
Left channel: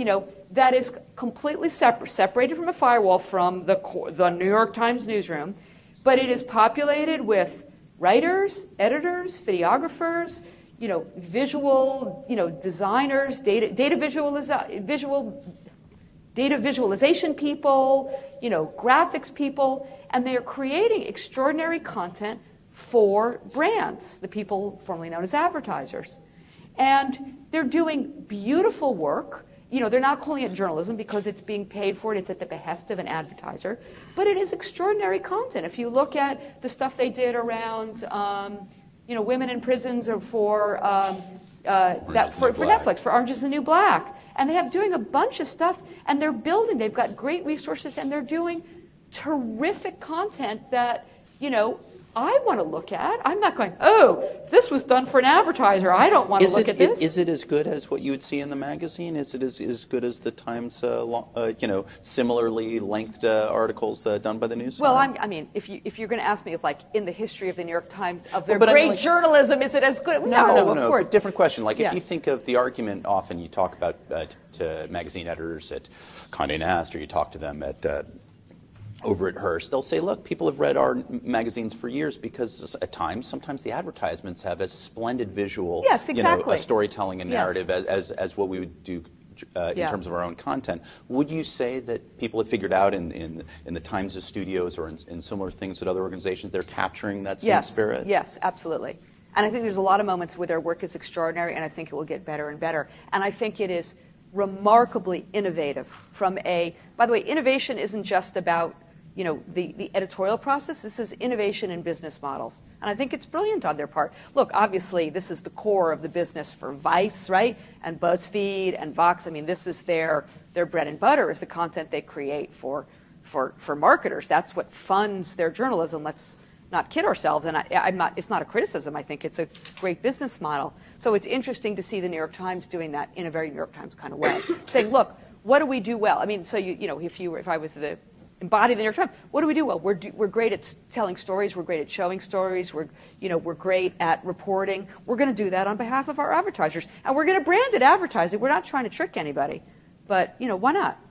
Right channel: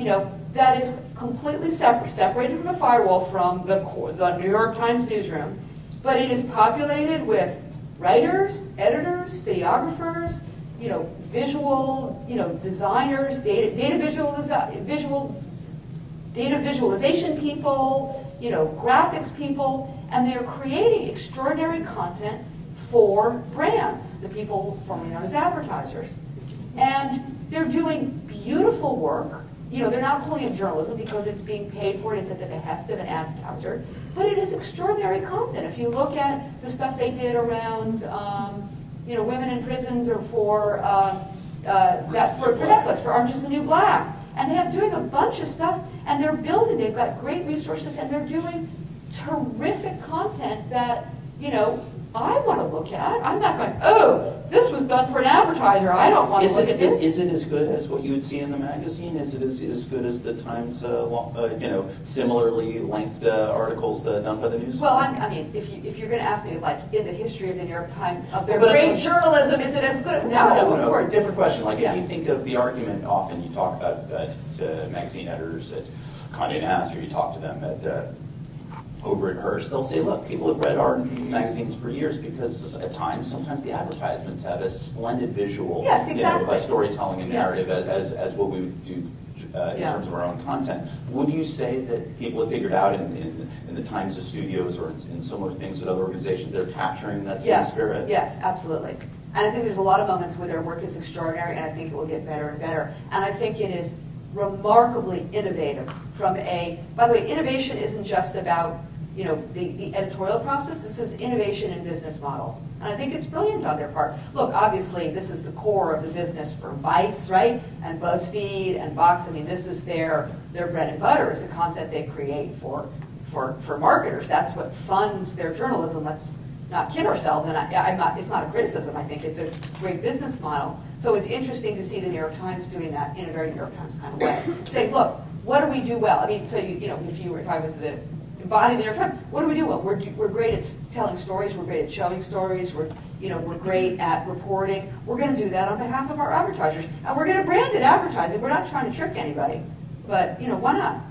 that is completely separated from a firewall from the New York Times newsroom, but it is populated with writers, editors, videographers, visual, designers, data visualization people, graphics people, and they are creating extraordinary content for brands, the people formerly known as advertisers. And they're doing beautiful work. They're not calling it journalism because it's being paid for and it's at the behest of an advertiser, but it is extraordinary content. If you look at the stuff they did around, women in prisons, or for Netflix, for Orange is the New Black, and they have doing a bunch of stuff, and they're building. They've got great resources, and they're doing terrific content that I want to look at. I'm not going, oh, this was done for an advertiser. I don't want to look at this. Is it as good as what you would see in the magazine? Is it as good as the Times, similarly lengthed articles done by the news? Well, if you're going to ask me, in the history of the New York Times, of their great journalism, is it as good? No, of course. Different question. If you think of the argument, often you talk about to magazine editors at Condé Nast, or you talk to them at over at Hearst, they'll say, look, people have read our magazines for years because at times, sometimes the advertisements have a splendid visual storytelling and narrative as what we would do in terms of our own content. Would you say that people have figured out in the Times' studios or in similar things at other organizations, they're capturing that same spirit? Yes, absolutely. And I think there's a lot of moments where their work is extraordinary, and I think it will get better and better. And I think it is remarkably innovative by the way, innovation isn't just about the editorial process. This is innovation in business models. And I think it's brilliant on their part. Look, obviously, this is the core of the business for Vice, right? And BuzzFeed and Vox. This is their bread and butter, is the content they create for marketers. That's what funds their journalism. Let's not kid ourselves. And it's not a criticism. I think it's a great business model. So it's interesting to see the New York Times doing that in a very New York Times kind of way. Saying, look, what do we do well? If I was the embody the New York Times, what do we do well? We're great at telling stories. We're great at showing stories. We're great at reporting. We're going to do that on behalf of our advertisers, and we're going to brand it advertising. We're not trying to trick anybody, but why not?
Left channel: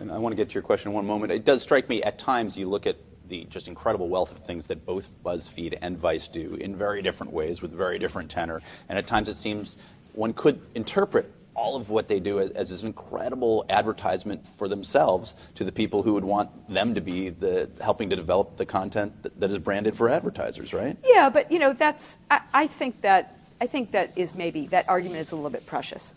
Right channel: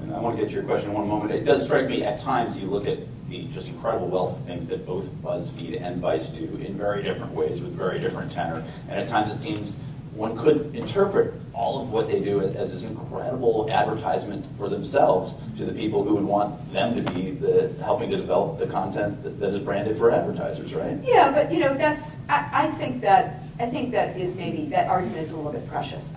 And I want to get to your question in one moment. It does strike me at times you look at the just incredible wealth of things that both BuzzFeed and Vice do in very different ways with very different tenor, and at times it seems one could interpret all of what they do as an incredible advertisement for themselves to the people who would want them to be helping to develop the content that is branded for advertisers, right? Yeah, but I think that is maybe that argument is a little bit precious.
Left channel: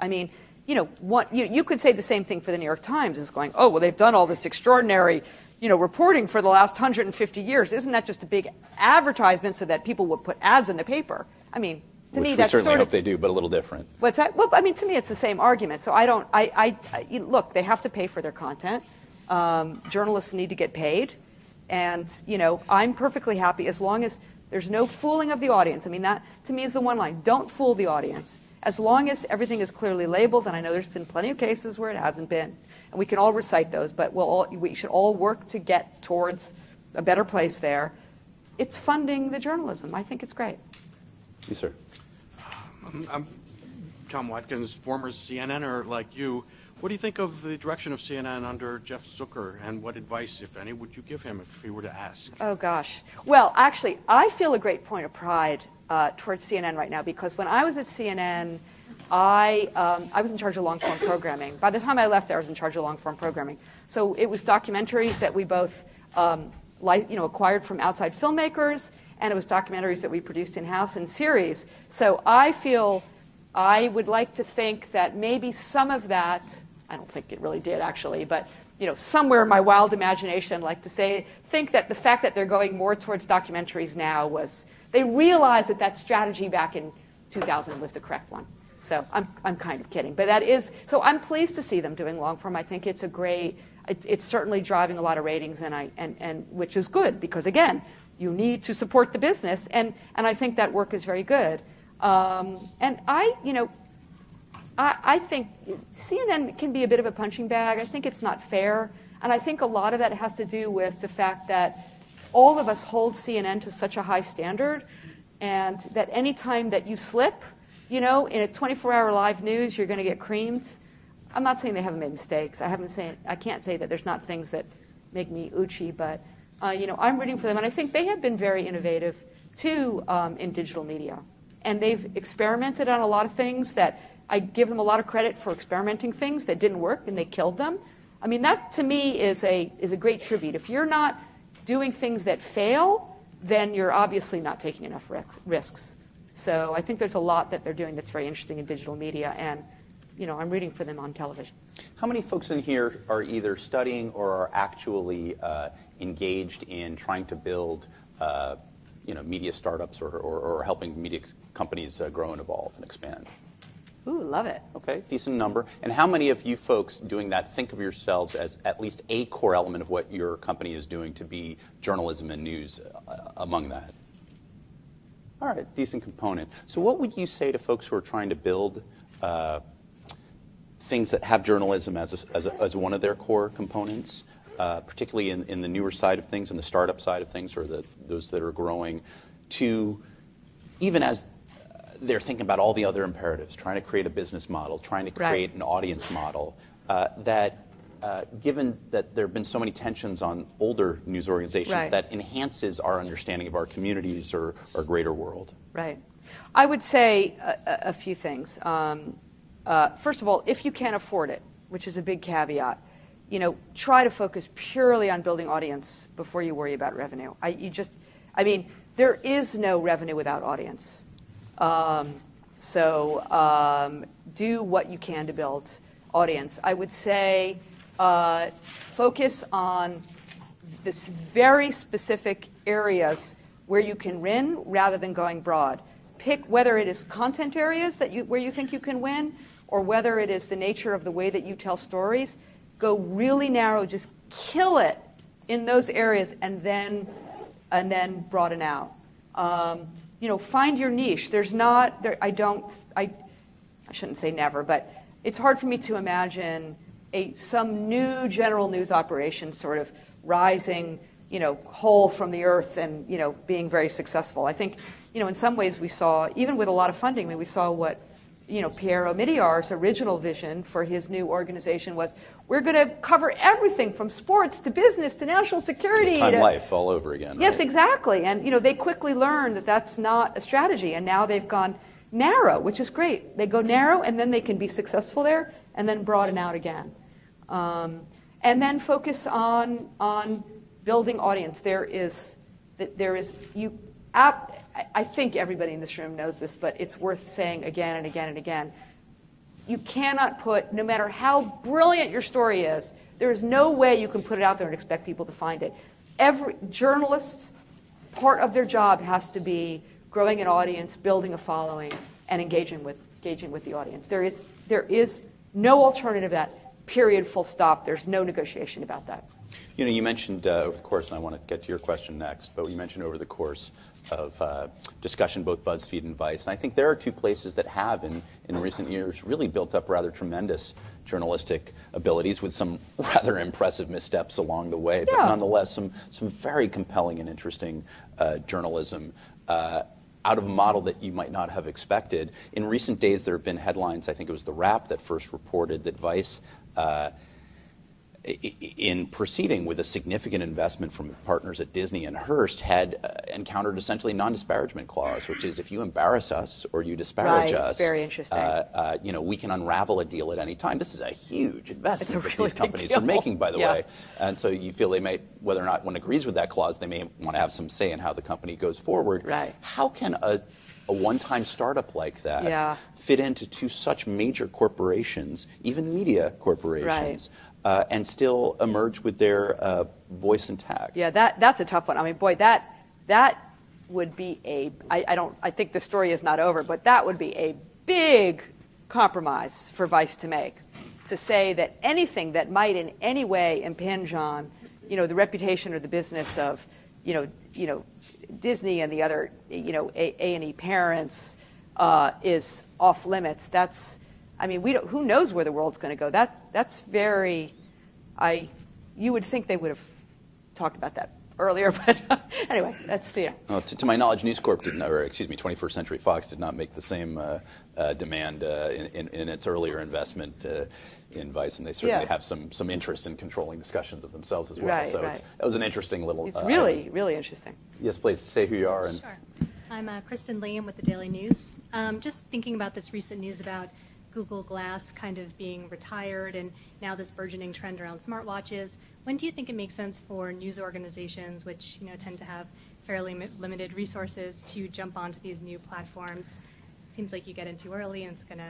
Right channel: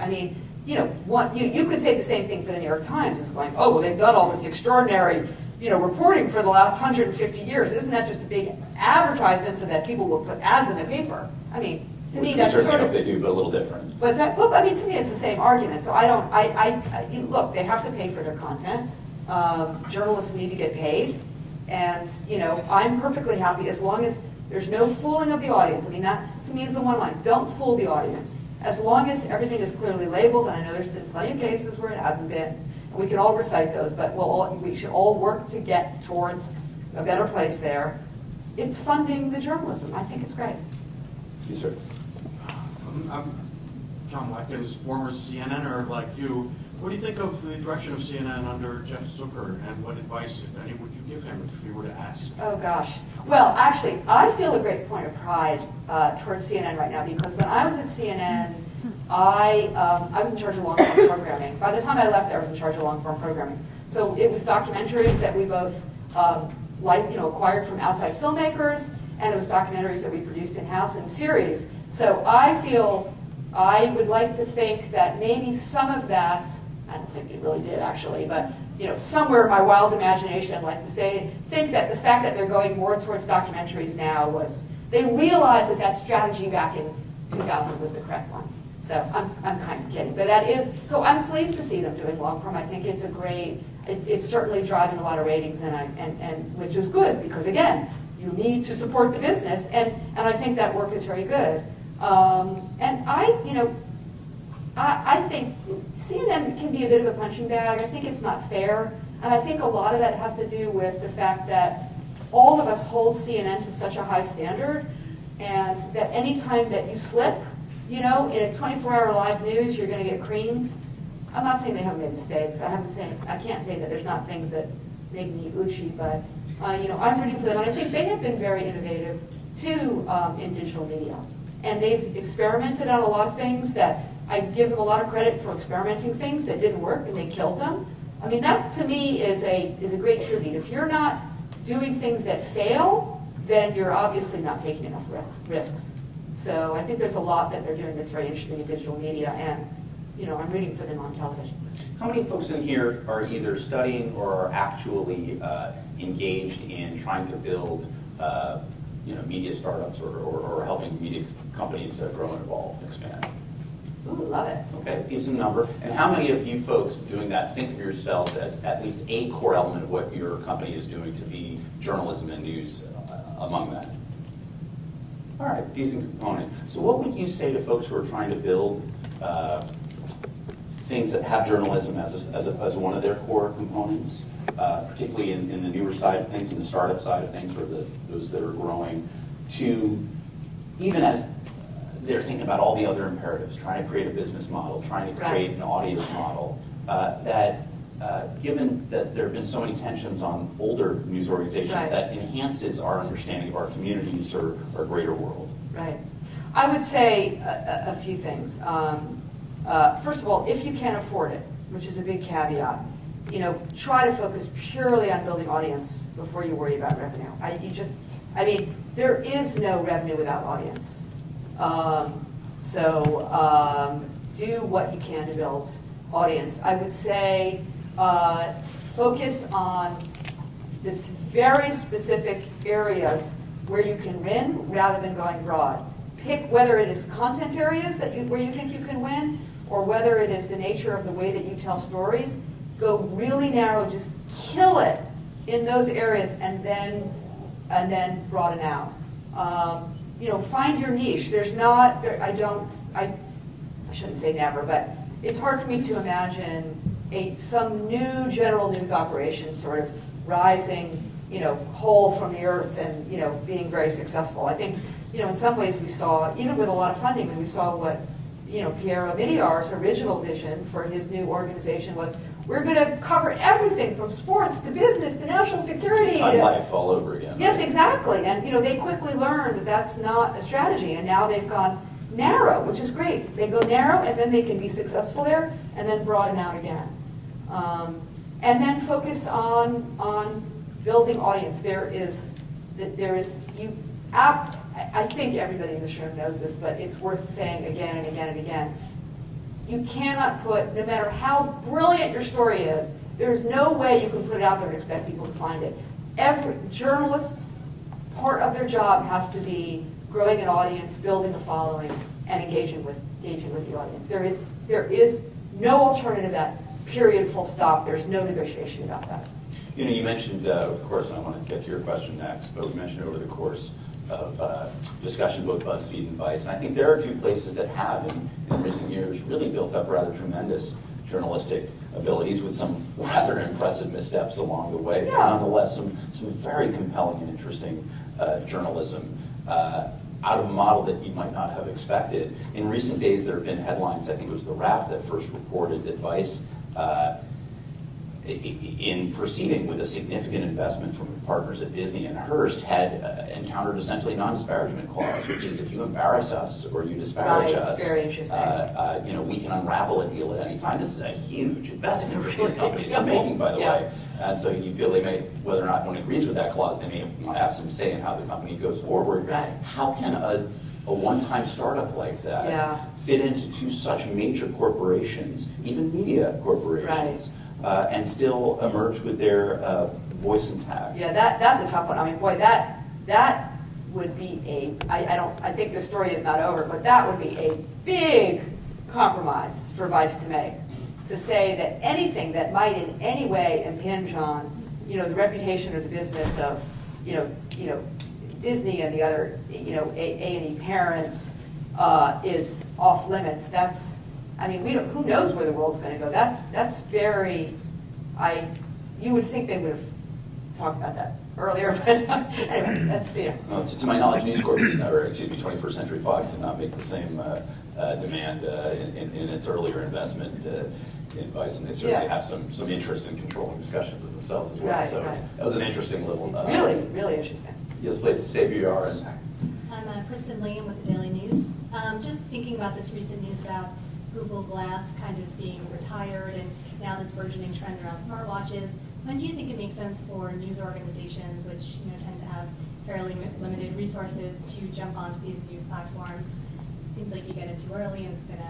You could say the same thing for the New York Times. It's going, oh, well, they've done all this extraordinary reporting for the last 150 years. Isn't that just a big advertisement so that people will put ads in the paper? To me, that's certainly hope they do, but a little different. What's that? Well, to me, it's the same argument. So look, they have to pay for their content. Journalists need to get paid, and I'm perfectly happy as long as there's no fooling of the audience. That to me is the one line: don't fool the audience. As long as everything is clearly labeled, and I know there's been plenty of cases where it hasn't been, and we can all recite those, but we should all work to get towards a better place there. It's funding the journalism. I think it's great. Yes, sir. I'm Tom Watkins, former CNNer like you. What do you think of the direction of CNN under Jeff Zucker, and what advice, if any, would you give him if he were to ask? Oh, gosh. Well, actually, I feel a great point of pride towards CNN right now, because when I was at CNN, I was in charge of long-form programming. By the time I left there, I was in charge of long-form programming. So it was documentaries that we both acquired from outside filmmakers, and it was documentaries that we produced in-house in series. So I would like to think that maybe some of that, I don't think it really did actually, but somewhere in my wild imagination, I'd like to think that the fact that they're going more towards documentaries now was, they realized that strategy back in 2000 was the correct one. So I'm kind of kidding, but so I'm pleased to see them doing long form. I think it's a great it's certainly driving a lot of ratings, and which is good because again, you need to support the business, and I think that work is very good. And I think CNN can be a bit of a punching bag. I think it's not fair, and I think a lot of that has to do with the fact that all of us hold CNN to such a high standard, and that any time that you slip, in a 24-hour live news, you're going to get creamed. I'm not saying they haven't made mistakes. I can't say that there's not things that make me uchi, but I'm rooting for them, and I think they have been very innovative too in digital media, and they've experimented on a lot of things that I give them a lot of credit for experimenting things that didn't work and they killed them. I mean, that to me is a great tribute. If you're not doing things that fail, then you're obviously not taking enough risks. So I think there's a lot that they're doing that's very interesting in digital media, and I'm rooting for them on television. How many folks in here are either studying or are actually engaged in trying to build media startups or helping media companies grow and evolve and expand? Ooh, love it. Okay, decent number. And how many of you folks doing that think of yourselves as at least a core element of what your company is doing to be journalism and news among that? All right, decent component. So what would you say to folks who are trying to build things that have journalism as one of their core components, particularly in the newer side of things, in the startup side of things, or those that are growing, to even as they're thinking about all the other imperatives, trying to create a business model, trying to create an audience model, that given that there have been so many tensions on older news organizations, that enhances our understanding of our communities or our greater world? Right. I would say a few things. First of all, if you can't afford it, which is a big caveat, try to focus purely on building audience before you worry about revenue. There is no revenue without audience. Do what you can to build audience. I would say focus on this very specific areas where you can win rather than going broad. Pick whether it is content areas where you think you can win, or whether it is the nature of the way that you tell stories. Go really narrow, just kill it in those areas, and then broaden out. Find your niche. I shouldn't say never, but it's hard for me to imagine some new general news operation sort of rising, whole from the earth and, being very successful. I think, in some ways we saw, even with a lot of funding, we saw what, Pierre Omidyar's original vision for his new organization was, we're going to cover everything from sports to business to national security. It's Time Life all over again. Yes, exactly. And they quickly learned that that's not a strategy, and now they've gone narrow, which is great. They go narrow, and then they can be successful there, and then broaden out again. And then focus on building audience. I think everybody in this room knows this, but it's worth saying again and again and again. You cannot put, no matter how brilliant your story is, there's no way you can put it out there and expect people to find it. Every journalist's part of their job has to be growing an audience, building a following, and engaging with the audience. There is no alternative to that. Period. Full stop. There's no negotiation about that. You mentioned over the course, and I want to get to your question next, but you mentioned over the course of discussion, both BuzzFeed and Vice. And I think there are two places that have, in recent years, really built up rather tremendous journalistic abilities with some rather impressive missteps along the way, but nonetheless some very compelling and interesting journalism out of a model that you might not have expected. In recent days, there have been headlines, I think it was The Wrap that first reported that Vice, in proceeding with a significant investment from partners at Disney and Hearst, had encountered essentially a non-disparagement clause, which is if you embarrass us or you disparage us, it's very interesting. We can unravel a deal at any time. This is a huge investment that really these companies deal. are making, by the way. And so you feel they may, whether or not one agrees with that clause, they may want to have some say in how the company goes forward. Right. How can a one-time startup like that fit into two such major corporations, even media corporations, and still emerge with their voice intact? Yeah, that's a tough one. I mean, boy, that would be I think the story is not over, but that would be a big compromise for Vice to make. to say that anything that might in any way impinge on, the reputation or the business of, Disney and the other, A&E parents is off limits. That's, who knows where the world's going to go? That's very, you would think they would have talked about that earlier, but anyway, that's, To my knowledge, News Corp, 21st Century Fox did not make the same demand in its earlier investment in Vice, and they certainly have some interest in controlling discussions of themselves as well. Right, so right. that was an interesting little... It's really, really interesting. Yes, please, stay who you are. And, Sure. I'm Kristen Liam with the Daily News. Just thinking about this recent news about Google Glass kind of being retired and now this burgeoning trend around smartwatches. When do you think it makes sense for news organizations, which tend to have fairly limited resources, to jump onto these new platforms? Seems like you get in too early and it's going to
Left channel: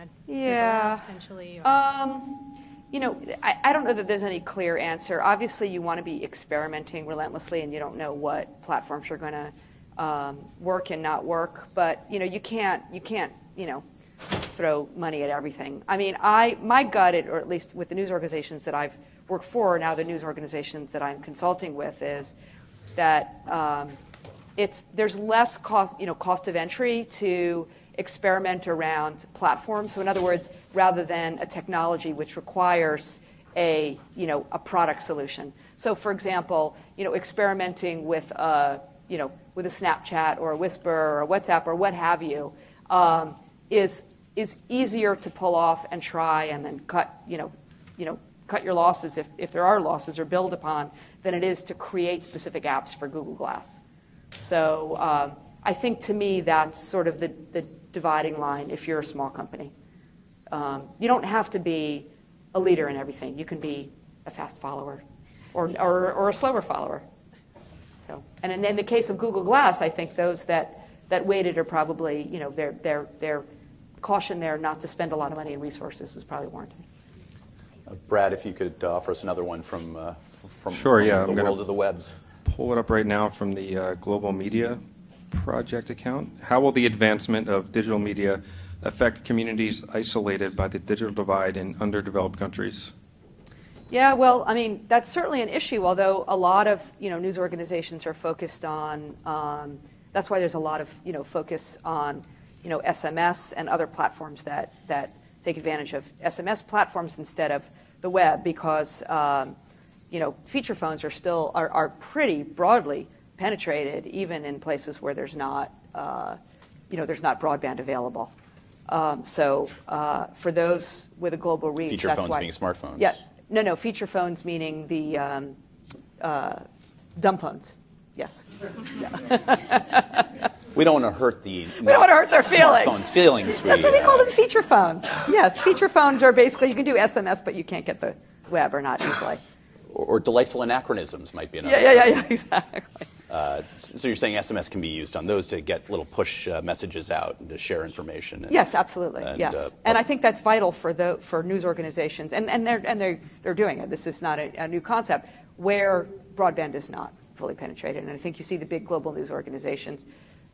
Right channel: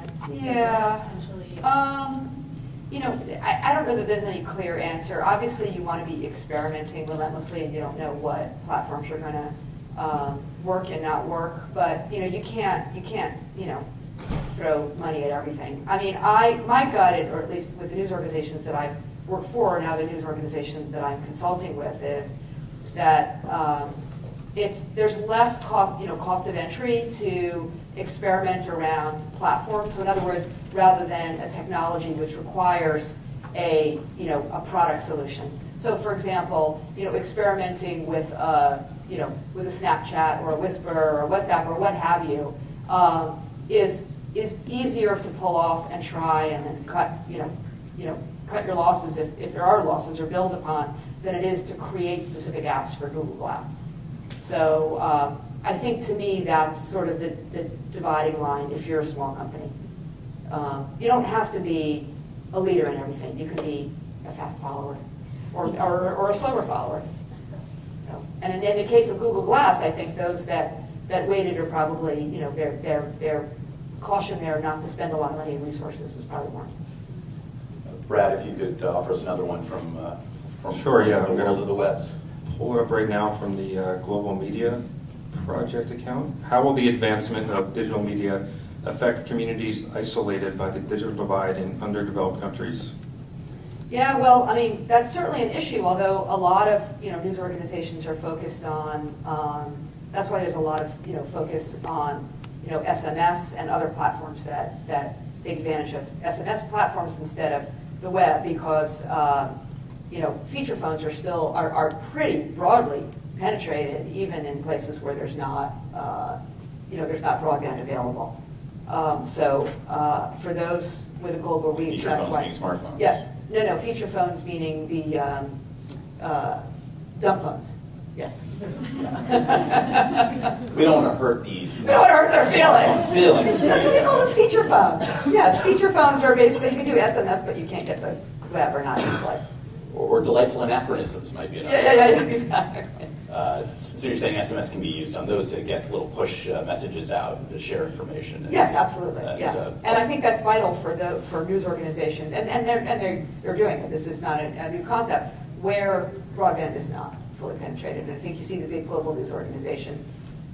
potentially... I don't know that there's any clear answer. Obviously, you want to be experimenting relentlessly, and you don't know what platforms are going to work and not work. But you can't throw money at everything. My gut, or at least with the news organizations that I've worked for, now the news organizations that I'm consulting with, is that there's less cost of entry to experiment around platforms. So in other words, rather than a technology which requires a product solution. So for example, experimenting with with a Snapchat or a Whisper or a WhatsApp or what have you is easier to pull off and try and then cut your losses if there are losses, or build upon, than it is to create specific apps for Google Glass. So I think, to me, that's sort of the dividing line if you're a small company. You don't have to be a leader in everything. You can be a fast follower or a slower follower. So, and in the case of Google Glass, I think those that waited are probably, their caution there not to spend a lot of money and resources was probably warranted. Brad, if you could offer us another one from Sure, yeah, the world of the webs. Pull it up right now from the Global Media Project account. How will the advancement of digital media affect communities isolated by the digital divide in underdeveloped countries? Yeah, well, that's certainly an issue, although a lot of news organizations are focused on, that's why there's a lot of focus on SMS and other platforms that take advantage of SMS platforms instead of the web, because feature phones are pretty broadly penetrated, even in places where there's not broadband available. So for those with a global reach, Feature that's phones why. being smartphones. Yeah, no, feature phones meaning the dumb phones. Yes. We don't want to hurt the... We don't want to hurt their feelings. That's what we call them, feature phones. Yes, feature phones are basically, you can do SMS, but you can't get the web or not. It's like... Or delightful anachronisms might be another. Yeah, exactly. So you're saying SMS can be used on those to get little push messages out and to share information? Yes, absolutely. Yes, and I think that's vital for news organizations, and they're doing it. This is not a new concept where broadband is not fully penetrated, and I think you see the big global news organizations,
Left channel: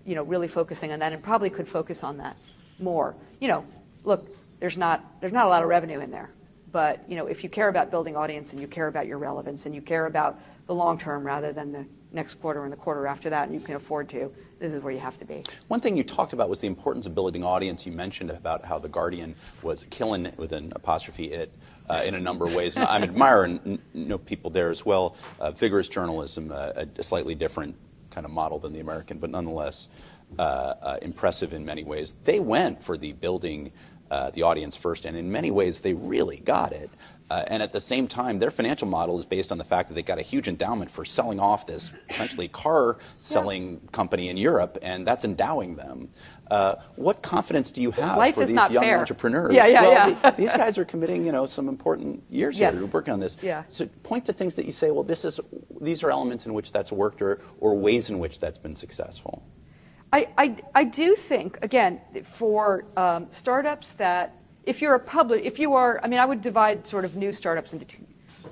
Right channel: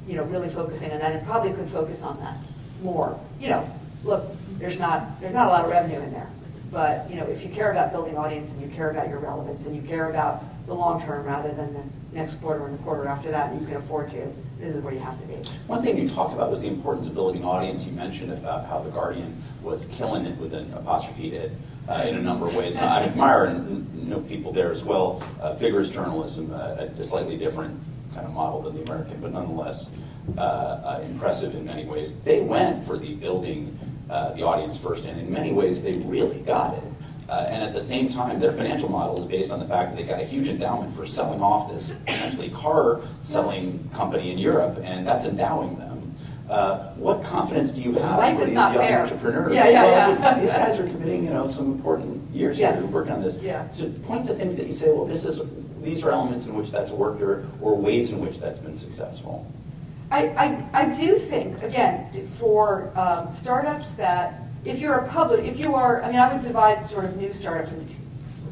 really focusing on that, and probably could focus on that more. Look, there's not a lot of revenue in there. But if you care about building audience and you care about your relevance and you care about the long term rather than the next quarter and the quarter after that, and you can afford to, this is where you have to be. One thing you talked about was the importance of building audience. You mentioned about how The Guardian was killing it with an apostrophe it in a number of ways. And I admire and know people there as well. Vigorous journalism, a slightly different kind of model than the American, but nonetheless impressive in many ways. They went for the building the audience first, and in many ways they really got it. And at the same time, their financial model is based on the fact that they got a huge endowment for selling off this essentially car selling company in Europe, and that's endowing them. What confidence do you have Life for is these not young fair. entrepreneurs? Yeah. These guys are committing, some important years here working on this. Yeah. So point to things that you say, well, these are elements in which that's worked, or ways in which that's been successful. I do think, again, for startups that, I would divide sort of new startups into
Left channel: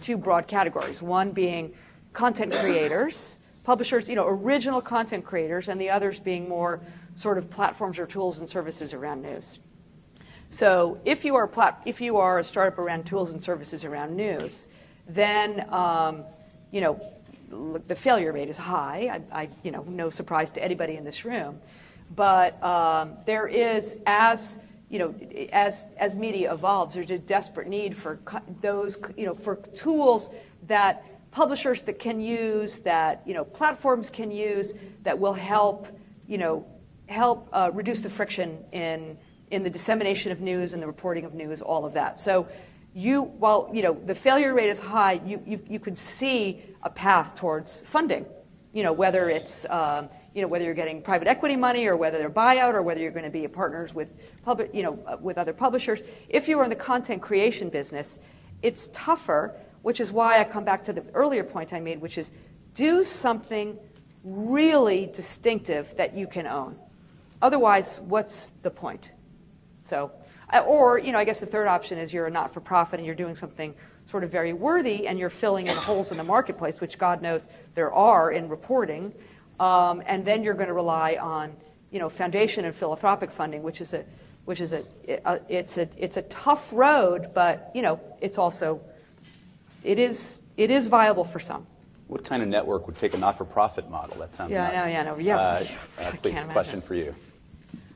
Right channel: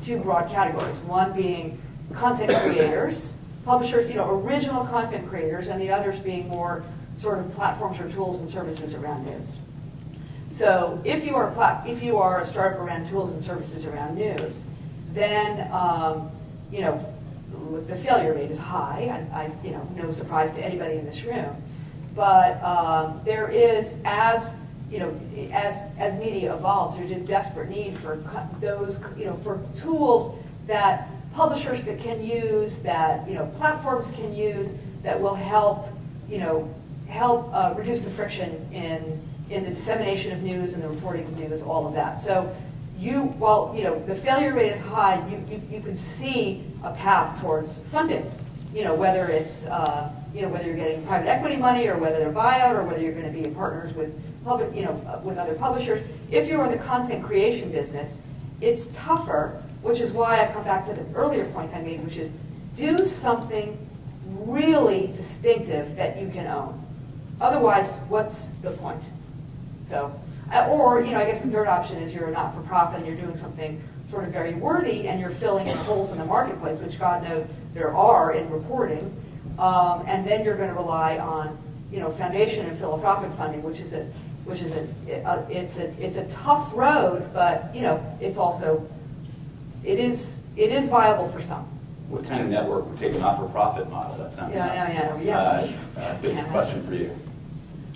two broad categories. One being content creators, publishers, original content creators, and the others being more sort of platforms or tools and services around news. So if you are a startup around tools and services around news, then the failure rate is high. No surprise to anybody in this room. But there is, as media evolves, there's a desperate need for those, for tools that publishers that can use, that platforms can use, that will help reduce the friction in the dissemination of news and the reporting of news, all of that. So while the failure rate is high, you can see a path towards funding. Whether it's whether you're getting private equity money or whether they're buyout or whether you're going to be partners with with other publishers. If you're in the content creation business, it's tougher, which is why I come back to the earlier point I made, which is do something really distinctive that you can own. Otherwise, what's the point? So, or I guess the third option is you're a not-for-profit and you're doing something sort of very worthy and you're filling in holes in the marketplace, which God knows there are in reporting, and then you're going to rely on foundation and philanthropic funding, which is a tough road, but it's also it is viable for some. What kind of network would take a not-for-profit model? That sounds nice. Big question for you.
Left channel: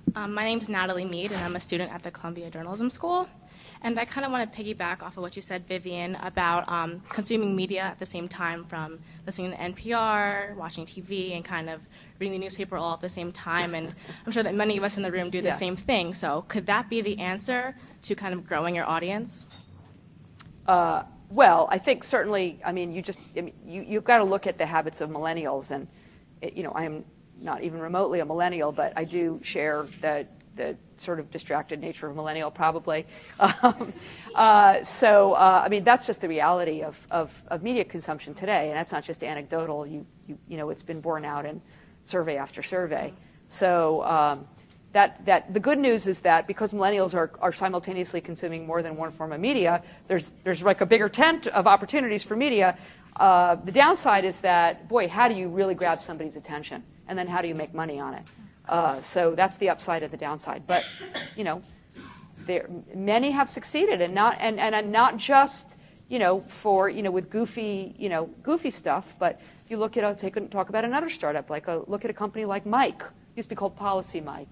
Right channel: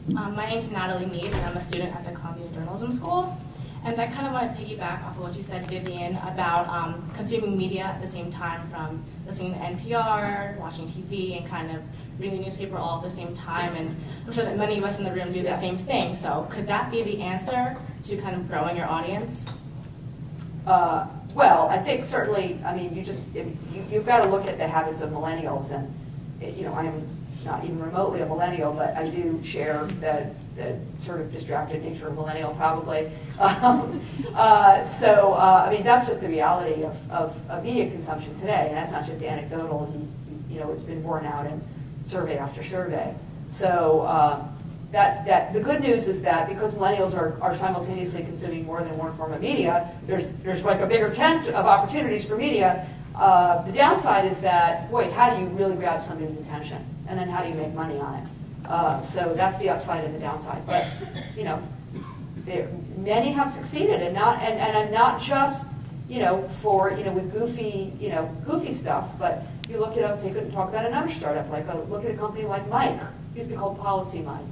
My name's Natalie Mead, and I'm a student at the Columbia Journalism School. And I kind of want to piggyback off of what you said, Vivian, about consuming media at the same time, from listening to NPR, watching TV, and kind of reading the newspaper all at the same time. And I'm sure that many of us in the room do the same thing. So could that be the answer to kind of growing your audience? Well, I think certainly, you've got to look at the habits of millennials. And, I'm not even remotely a millennial, but I do share the sort of distracted nature of millennial, probably. That's just the reality of media consumption today, and that's not just anecdotal. It's been borne out in survey after survey. So that the good news is that because millennials are simultaneously consuming more than one form of media, there's like a bigger tent of opportunities for media. The downside is that, boy, how do you really grab somebody's attention? And then how do you make money on it? So that's the upside and the downside. But, many have succeeded, and not just, with goofy stuff, but you look at, talk about another startup, look at a company like Mike. It used to be called Policy Mike.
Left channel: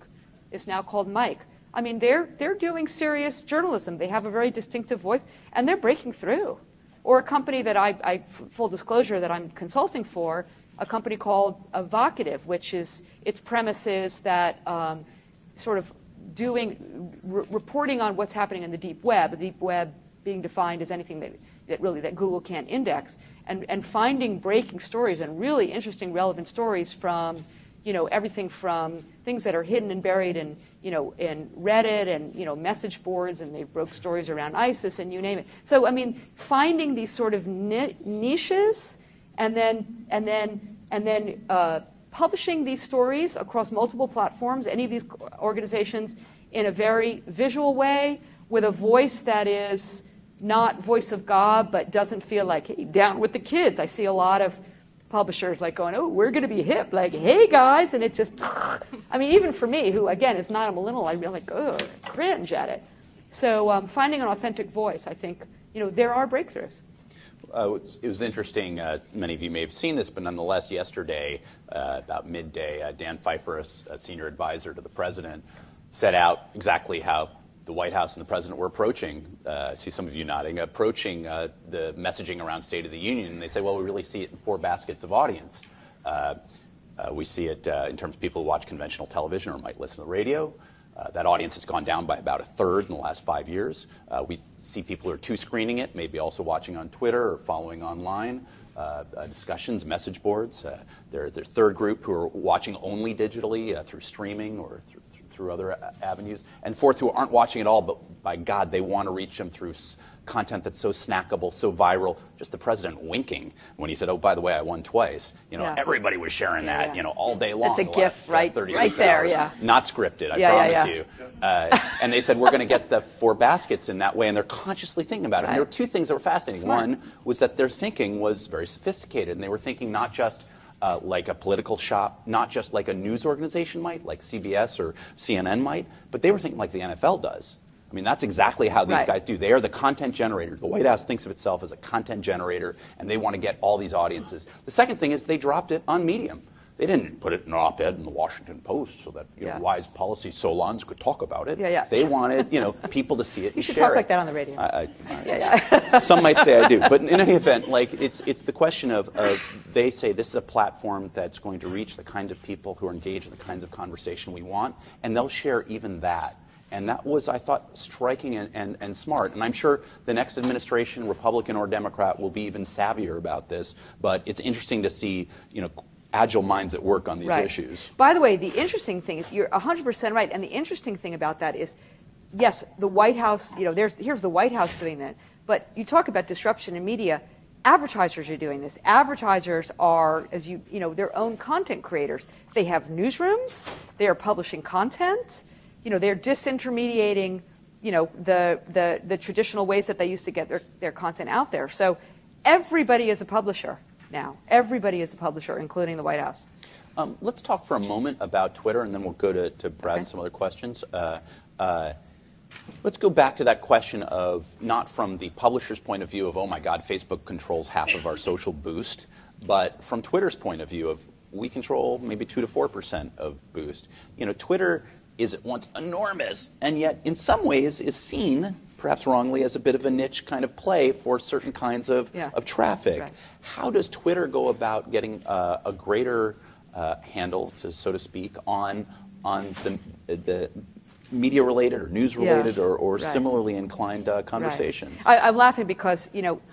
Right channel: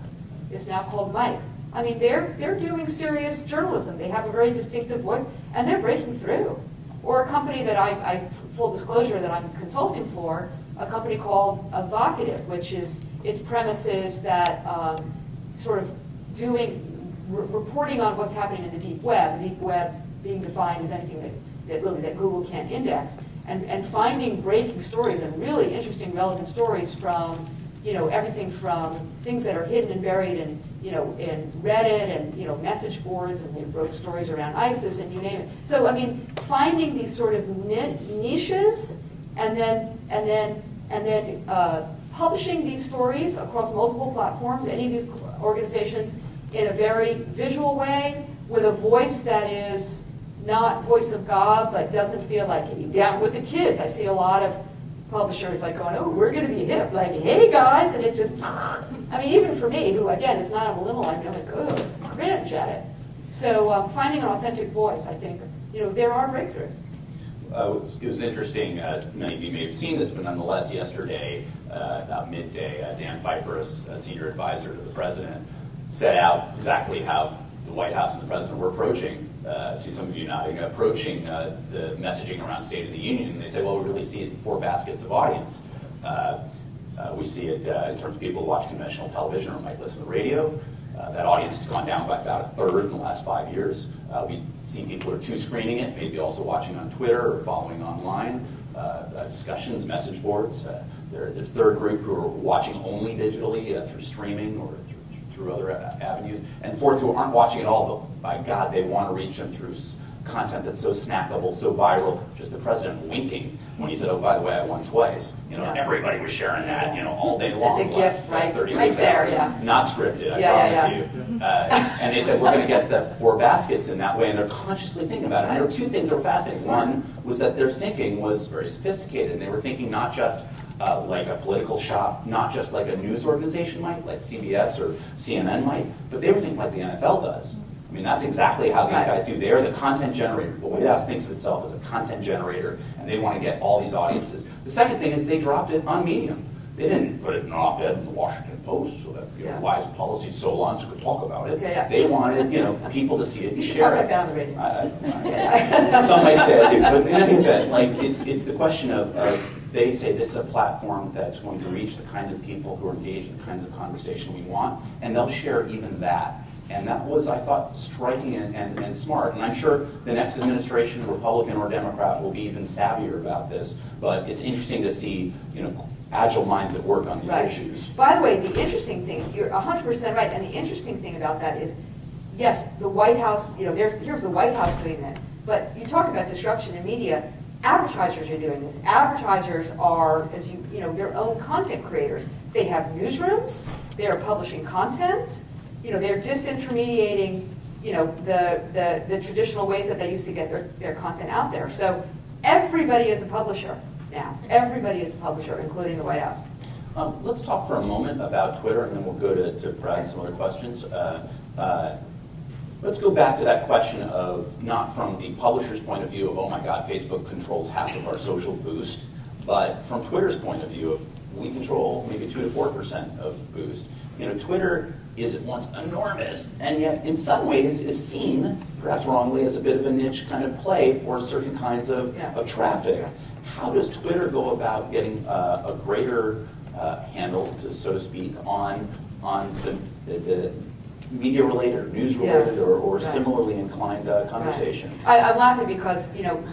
It's now called Mike. They're doing serious journalism. They have a very distinctive voice, and they're breaking through. Or a company that I full disclosure, that I'm consulting for, a company called Evocative, which is, its premise is that sort of reporting on what's happening in the deep web, the deep web being defined as anything that Google can't index, and finding breaking stories and really interesting, relevant stories from, everything from things that are hidden and buried in Reddit and, message boards, and they broke stories around ISIS and you name it. So, finding these sort of niches and then publishing these stories across multiple platforms, any of these organizations, in a very visual way, with a voice that is not voice of God, but doesn't feel like down with the kids. I see a lot of publishers going, oh, we're going to be hip, hey guys, and it just, even for me, who again is not a millennial, I'd be like, oh, cringe at it. So finding an authentic voice, I think, there are breakthroughs. It was interesting, many of you may have seen this, but nonetheless, yesterday, about midday, Dan Pfeiffer, a senior advisor to the president, set out exactly how the White House and the president were approaching, I see some of you nodding, approaching the messaging around State of the Union. And they say, well, we really see it in 4 baskets of audience. We see it in terms of people who watch conventional television or might listen to radio. That audience has gone down by about 1/3 in the last 5 years. We see people who are two-screening it, maybe also watching on Twitter or following online, discussions, message boards. There's a third group who are watching only digitally through streaming or through other avenues. And fourth, who aren't watching at all, but by God, they want to reach them through content that's so snackable, so viral. Just the president winking when he said, oh, by the way, I won twice. And everybody was sharing that, all day long. It's a gift right there, yeah. Not scripted, I promise you. And they said, we're going to get the 4 baskets in that way, and they're consciously thinking about it. And there were 2 things that were fascinating. One was that their thinking was very sophisticated, and they were thinking not just like a political shop, not just like a news organization might, like CBS or CNN might, but they were thinking like the NFL does. I mean, that's exactly how these Right. guys do. They are the content generator. The White House thinks of itself as a content generator, and they want to get all these audiences. The second thing is they dropped it on Medium. They didn't put it in an op-ed in the Washington Post so that wise policy solons could talk about it. They wanted people to see it and You should share talk it. like that on the radio. Some might say I do, but in any event, like it's the question of they say this is a platform that's going to reach the kind of people who are engaged in the kinds of conversation we want, and they'll share even that. And that was, I thought, striking and smart. And I'm sure the next administration, Republican or Democrat, will be even savvier about this. But it's interesting to see, agile minds at work on these issues. By the way, the interesting thing is you're 100% right. And the interesting thing about that is, yes, the White House. Here's the White House doing that. But you talk about disruption in media. Advertisers are doing this. Advertisers are, as their own content creators. They have newsrooms. They are publishing content. They're disintermediating, the traditional ways that they used to get their content out there. So everybody is a publisher now. Everybody is a publisher, including the White House. Let's talk for a moment about Twitter, and then we'll go to Brad and some other questions. Let's go back to that question of not from the publisher's point of view of, oh my God, Facebook controls half of our social boost, but from Twitter's point of view of we control maybe 2 to 4% of boost. Twitter is at once enormous, and yet in some ways is seen, perhaps wrongly, as a bit of a niche kind of play for certain kinds of traffic. Right. How does Twitter go about getting a greater handle, so to speak, on the media-related or news-related or similarly inclined conversations? Right. I'm laughing because,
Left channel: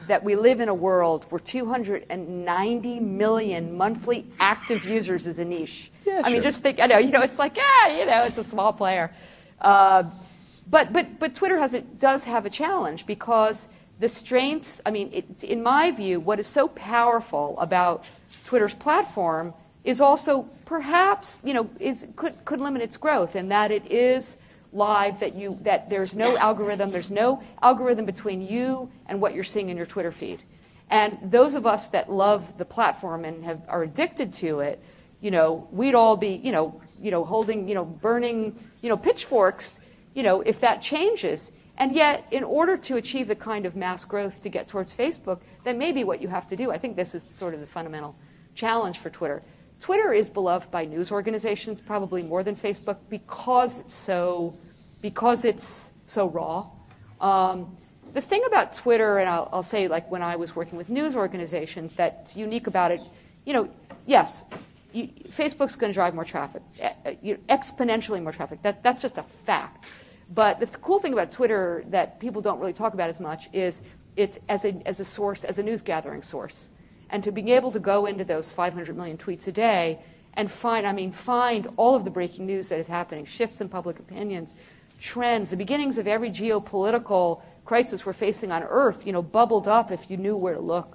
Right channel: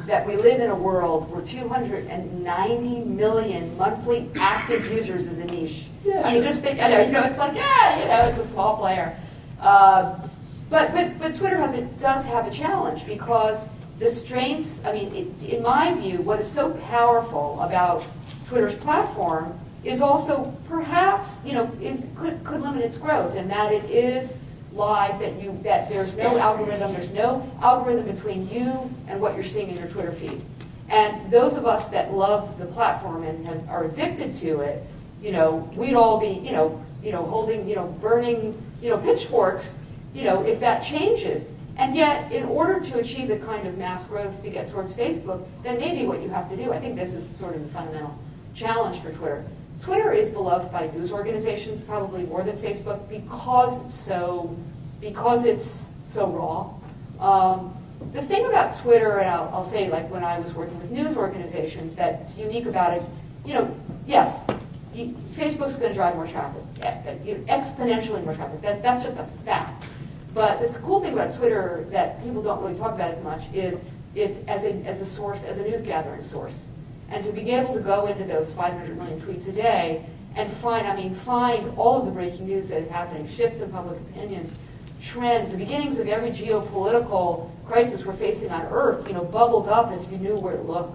that we live in a world where 290 million monthly active users is a niche. Yeah, I mean, just think, it's like, it's a small player. But Twitter does have a challenge because the strengths, in my view, what is so powerful about Twitter's platform is also perhaps, could limit its growth, and that it is live, that there's no algorithm between you and what you're seeing in your Twitter feed. And those of us that love the platform and are addicted to it, we'd all be, holding, burning, pitchforks, if that changes. And yet, in order to achieve the kind of mass growth to get towards Facebook, that may be what you have to do. I think this is sort of the fundamental challenge for Twitter. Twitter is beloved by news organizations, probably more than Facebook, because it's so raw. The thing about Twitter, and I'll say, like when I was working with news organizations, that's unique about it. Yes, Facebook's going to drive more traffic, exponentially more traffic. That's just a fact. But the cool thing about Twitter that people don't really talk about as much is it's as a source, as a news gathering source. And to be able to go into those 500 million tweets a day and find all of the breaking news that is happening, shifts in public opinions, trends, the beginnings of every geopolitical crisis we're facing on Earth, bubbled up if you knew where to look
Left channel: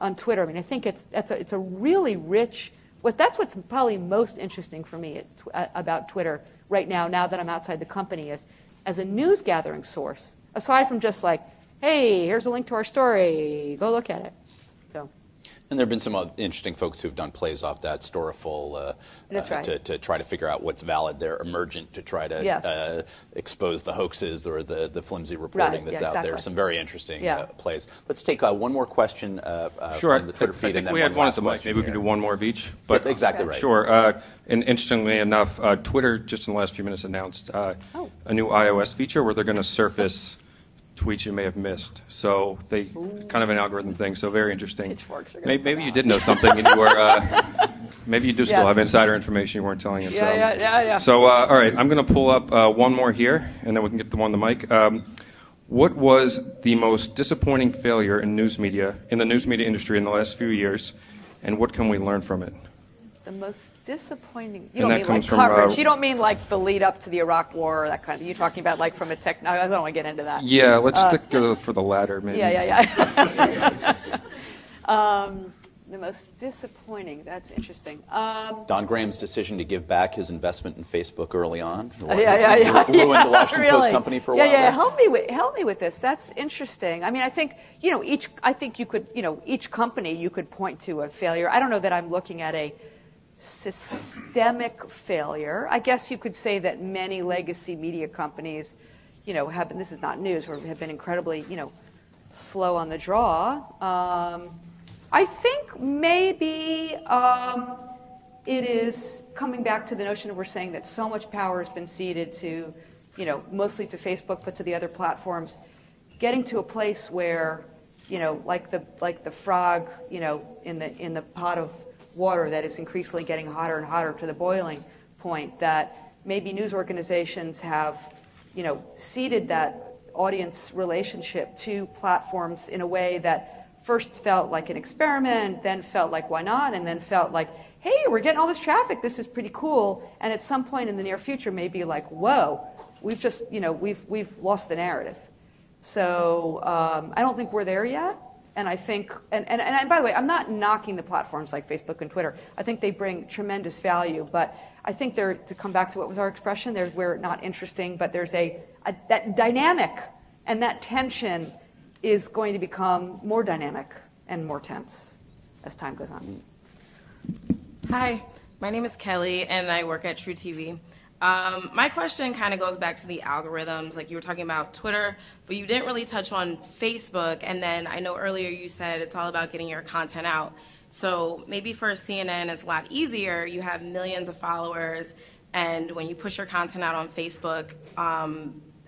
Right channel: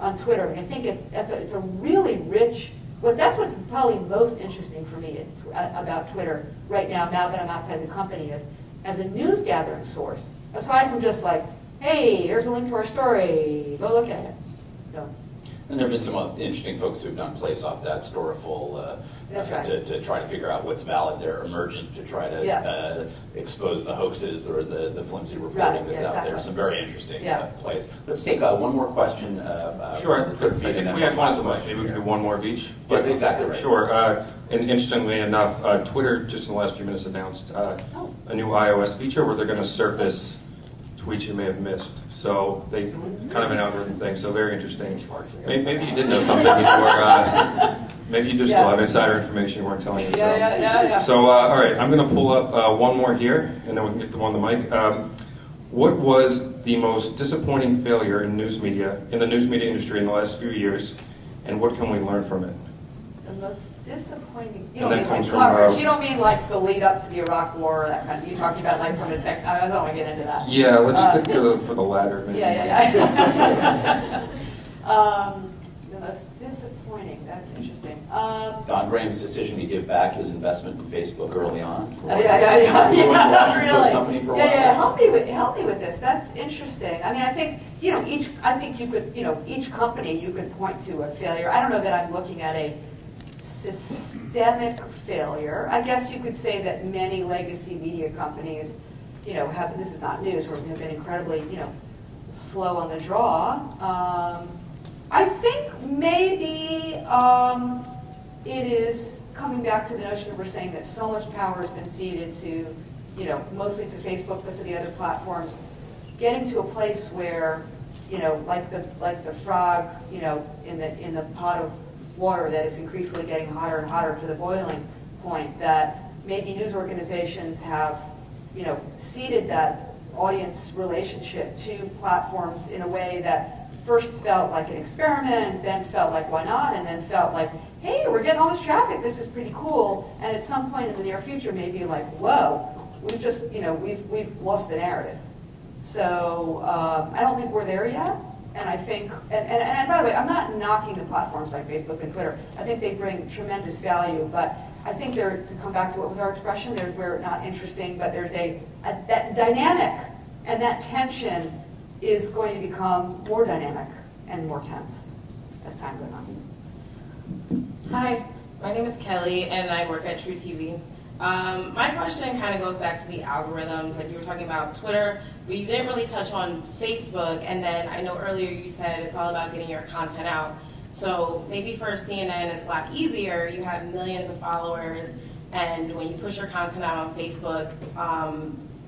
on Twitter. And I think it's a really rich. That's what's probably most interesting for me about Twitter right now that I'm outside the company, is as a news gathering source. Aside from just like, hey, here's a link to our story, go look at it. So. And there have been some interesting folks who've done plays off that, Storiful, That's right. to try to figure out what's valid. They're emergent to try to expose the hoaxes or the flimsy reporting that's out there. Some very interesting plays. Let's take one more question. Sure. From the Twitter feed, I think we had one at the most. Maybe we can do one more of each. But exactly right. Sure. And interestingly enough, Twitter just in the last few minutes announced a new iOS feature where they're going to surface tweets you may have missed. So they kind of an algorithm thing. So very interesting. Maybe you did know something and you were, maybe you do still have insider information you weren't telling us. Yeah. So all right, I'm going to pull up one more here and then we can get the one on the mic. What was the most disappointing failure in the news media industry in the last few years, and what can we learn from it? The most disappointing. You don't mean like coverage. You don't mean like the lead up to the Iraq War or that kind of. You're talking about like from a tech. I don't want to get into that. Yeah, let's stick for the latter, maybe. Yeah. The most disappointing. That's interesting. Don Graham's decision to give back his investment in Facebook early on. Yeah. Really. Company for a while. Yeah. Help me with this. That's interesting. I think each company you could point to a failure. I don't know that I'm looking at a systemic failure. I guess you could say that many legacy media companies this is not news, or have been incredibly, slow on the draw. I think maybe it is coming back to the notion of we're saying that so much power has been ceded to, mostly to Facebook, but to the other platforms, getting to a place where, like the frog, in the pot of water that is increasingly getting hotter and hotter to the boiling point, that maybe news organizations have, ceded that audience relationship to platforms in a way that first felt like an experiment, then felt like why not, and then felt like, hey, we're getting all this traffic, this is pretty cool, and at some point in the near future maybe like, whoa, we've just, we've lost the narrative. So I don't think we're there yet, and I think, and by the way, I'm not knocking the platforms like Facebook and Twitter. I think they bring tremendous value, but I think they're, to come back to what was our expression, we're not interesting, but there's that dynamic, and that tension is going to become more dynamic and more tense as time goes on. Hi, my name is Kelly, and I work at True TV. My question kind of goes back to the algorithms, like you were talking about Twitter, but you didn't really touch on Facebook, and then I know earlier you said it's all about getting your content out. So maybe for CNN it's a lot easier, you have millions of followers, and when you push your content out on Facebook,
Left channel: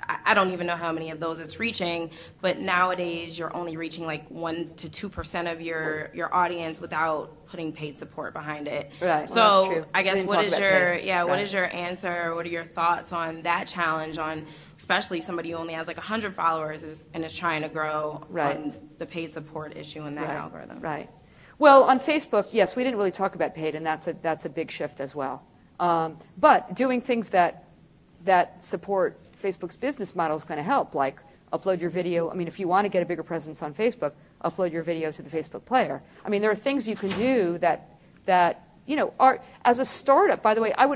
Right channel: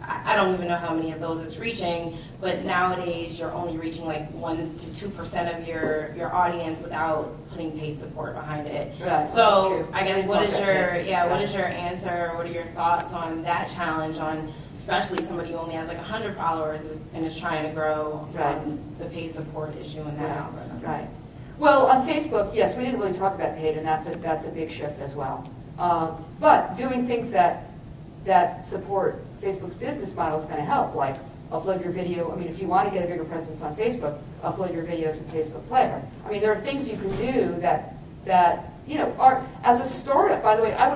I don't even know how many of those it's reaching, but nowadays you're only reaching like 1 to 2% of your audience without putting paid support behind it. Right. So Well, that's true. I guess what is your answer? What are your thoughts on that challenge? On especially somebody who only has like 100 followers and is trying to grow on the paid support issue in that algorithm. Right. Well, on Facebook, yes, we didn't really talk about paid, and that's a big shift as well. But doing things that support Facebook's business model is going to help, like upload your video. I mean, if you want to get a bigger presence on Facebook, upload your video to the Facebook player. I mean, there are things you can do that are, as a startup, by the way, I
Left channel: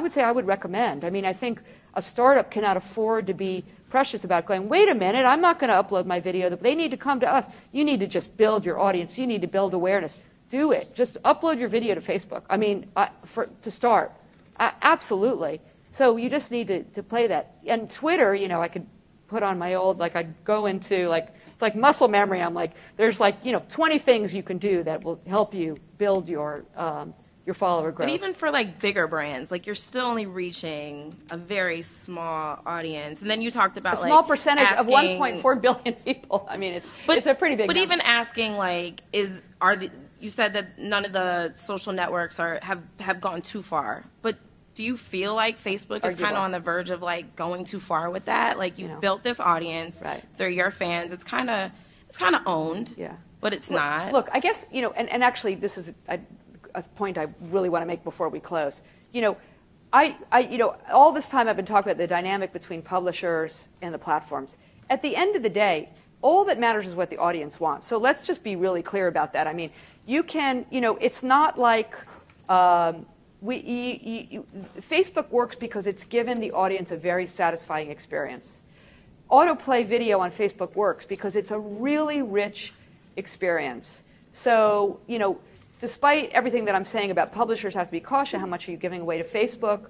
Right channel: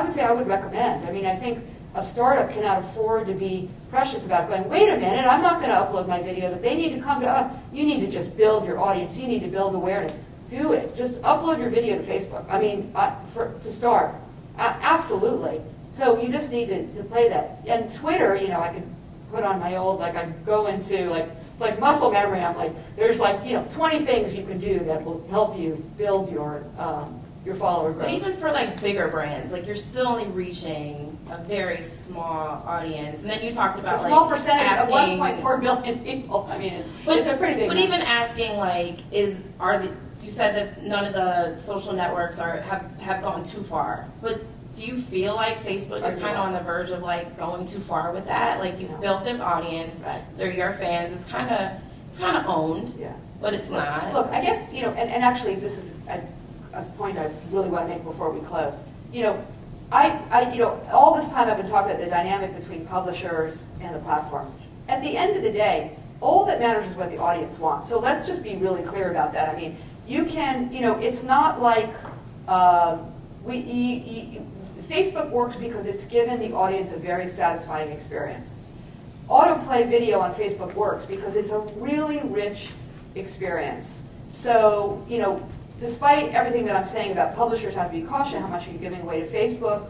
would say I would recommend. I mean, I think a startup cannot afford to be precious about going, wait a minute, I'm not going to upload my video. They need to come to us. You need to just build your audience. You need to build awareness. Do it. Just upload your video to Facebook. I mean, to start. Absolutely. So you just need to play that. And Twitter, I could put on my old, I'd go into, it's like muscle memory. I'm like, there's 20 things you can do that will help you build your follower growth. But even for bigger brands, you're still only reaching a very small audience. And then you talked about a small percentage of 1.4 billion people. I mean, it's a pretty big number. Even asking you said that none of the social networks have gone too far. But do you feel like Facebook is kind of on the verge of going too far with that? You've built this audience, they're your fans. It's kind of owned, but it's not. Look, I guess and actually this is a point I really want to make before we close. All this time I've been talking about the dynamic between publishers and the platforms. At the end of the day, all that matters is what the audience wants. So let's just be really clear about that. I mean, you can, it's not like Facebook works because it's given the audience a very satisfying experience. Autoplay video on Facebook works because it's a really rich experience. So, despite everything that I'm saying about publishers have to be cautious, how much are you giving away to Facebook?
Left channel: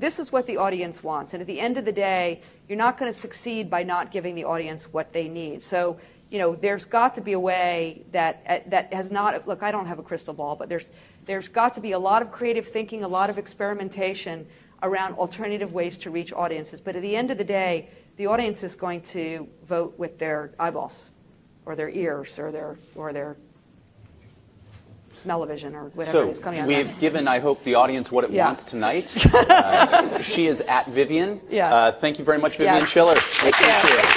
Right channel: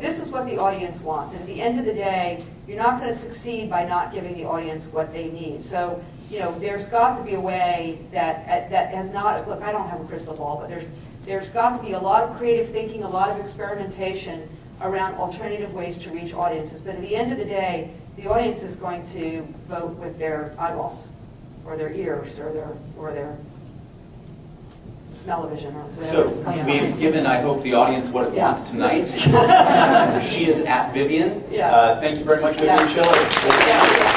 This is what the audience wants. And at the end of the day, you're not going to succeed by not giving the audience what they need. So, there's got to be a way that has not, look, I don't have a crystal ball, but there's got to be a lot of creative thinking, a lot of experimentation around alternative ways to reach audiences. But at the end of the day, the audience is going to vote with their eyeballs, or their ears, or their smell-o-vision, or whatever it's coming out. So we've given, I hope, the audience what it wants tonight. She is at Vivian. Yeah. Thank you very much, Vivian Schiller. Thank you.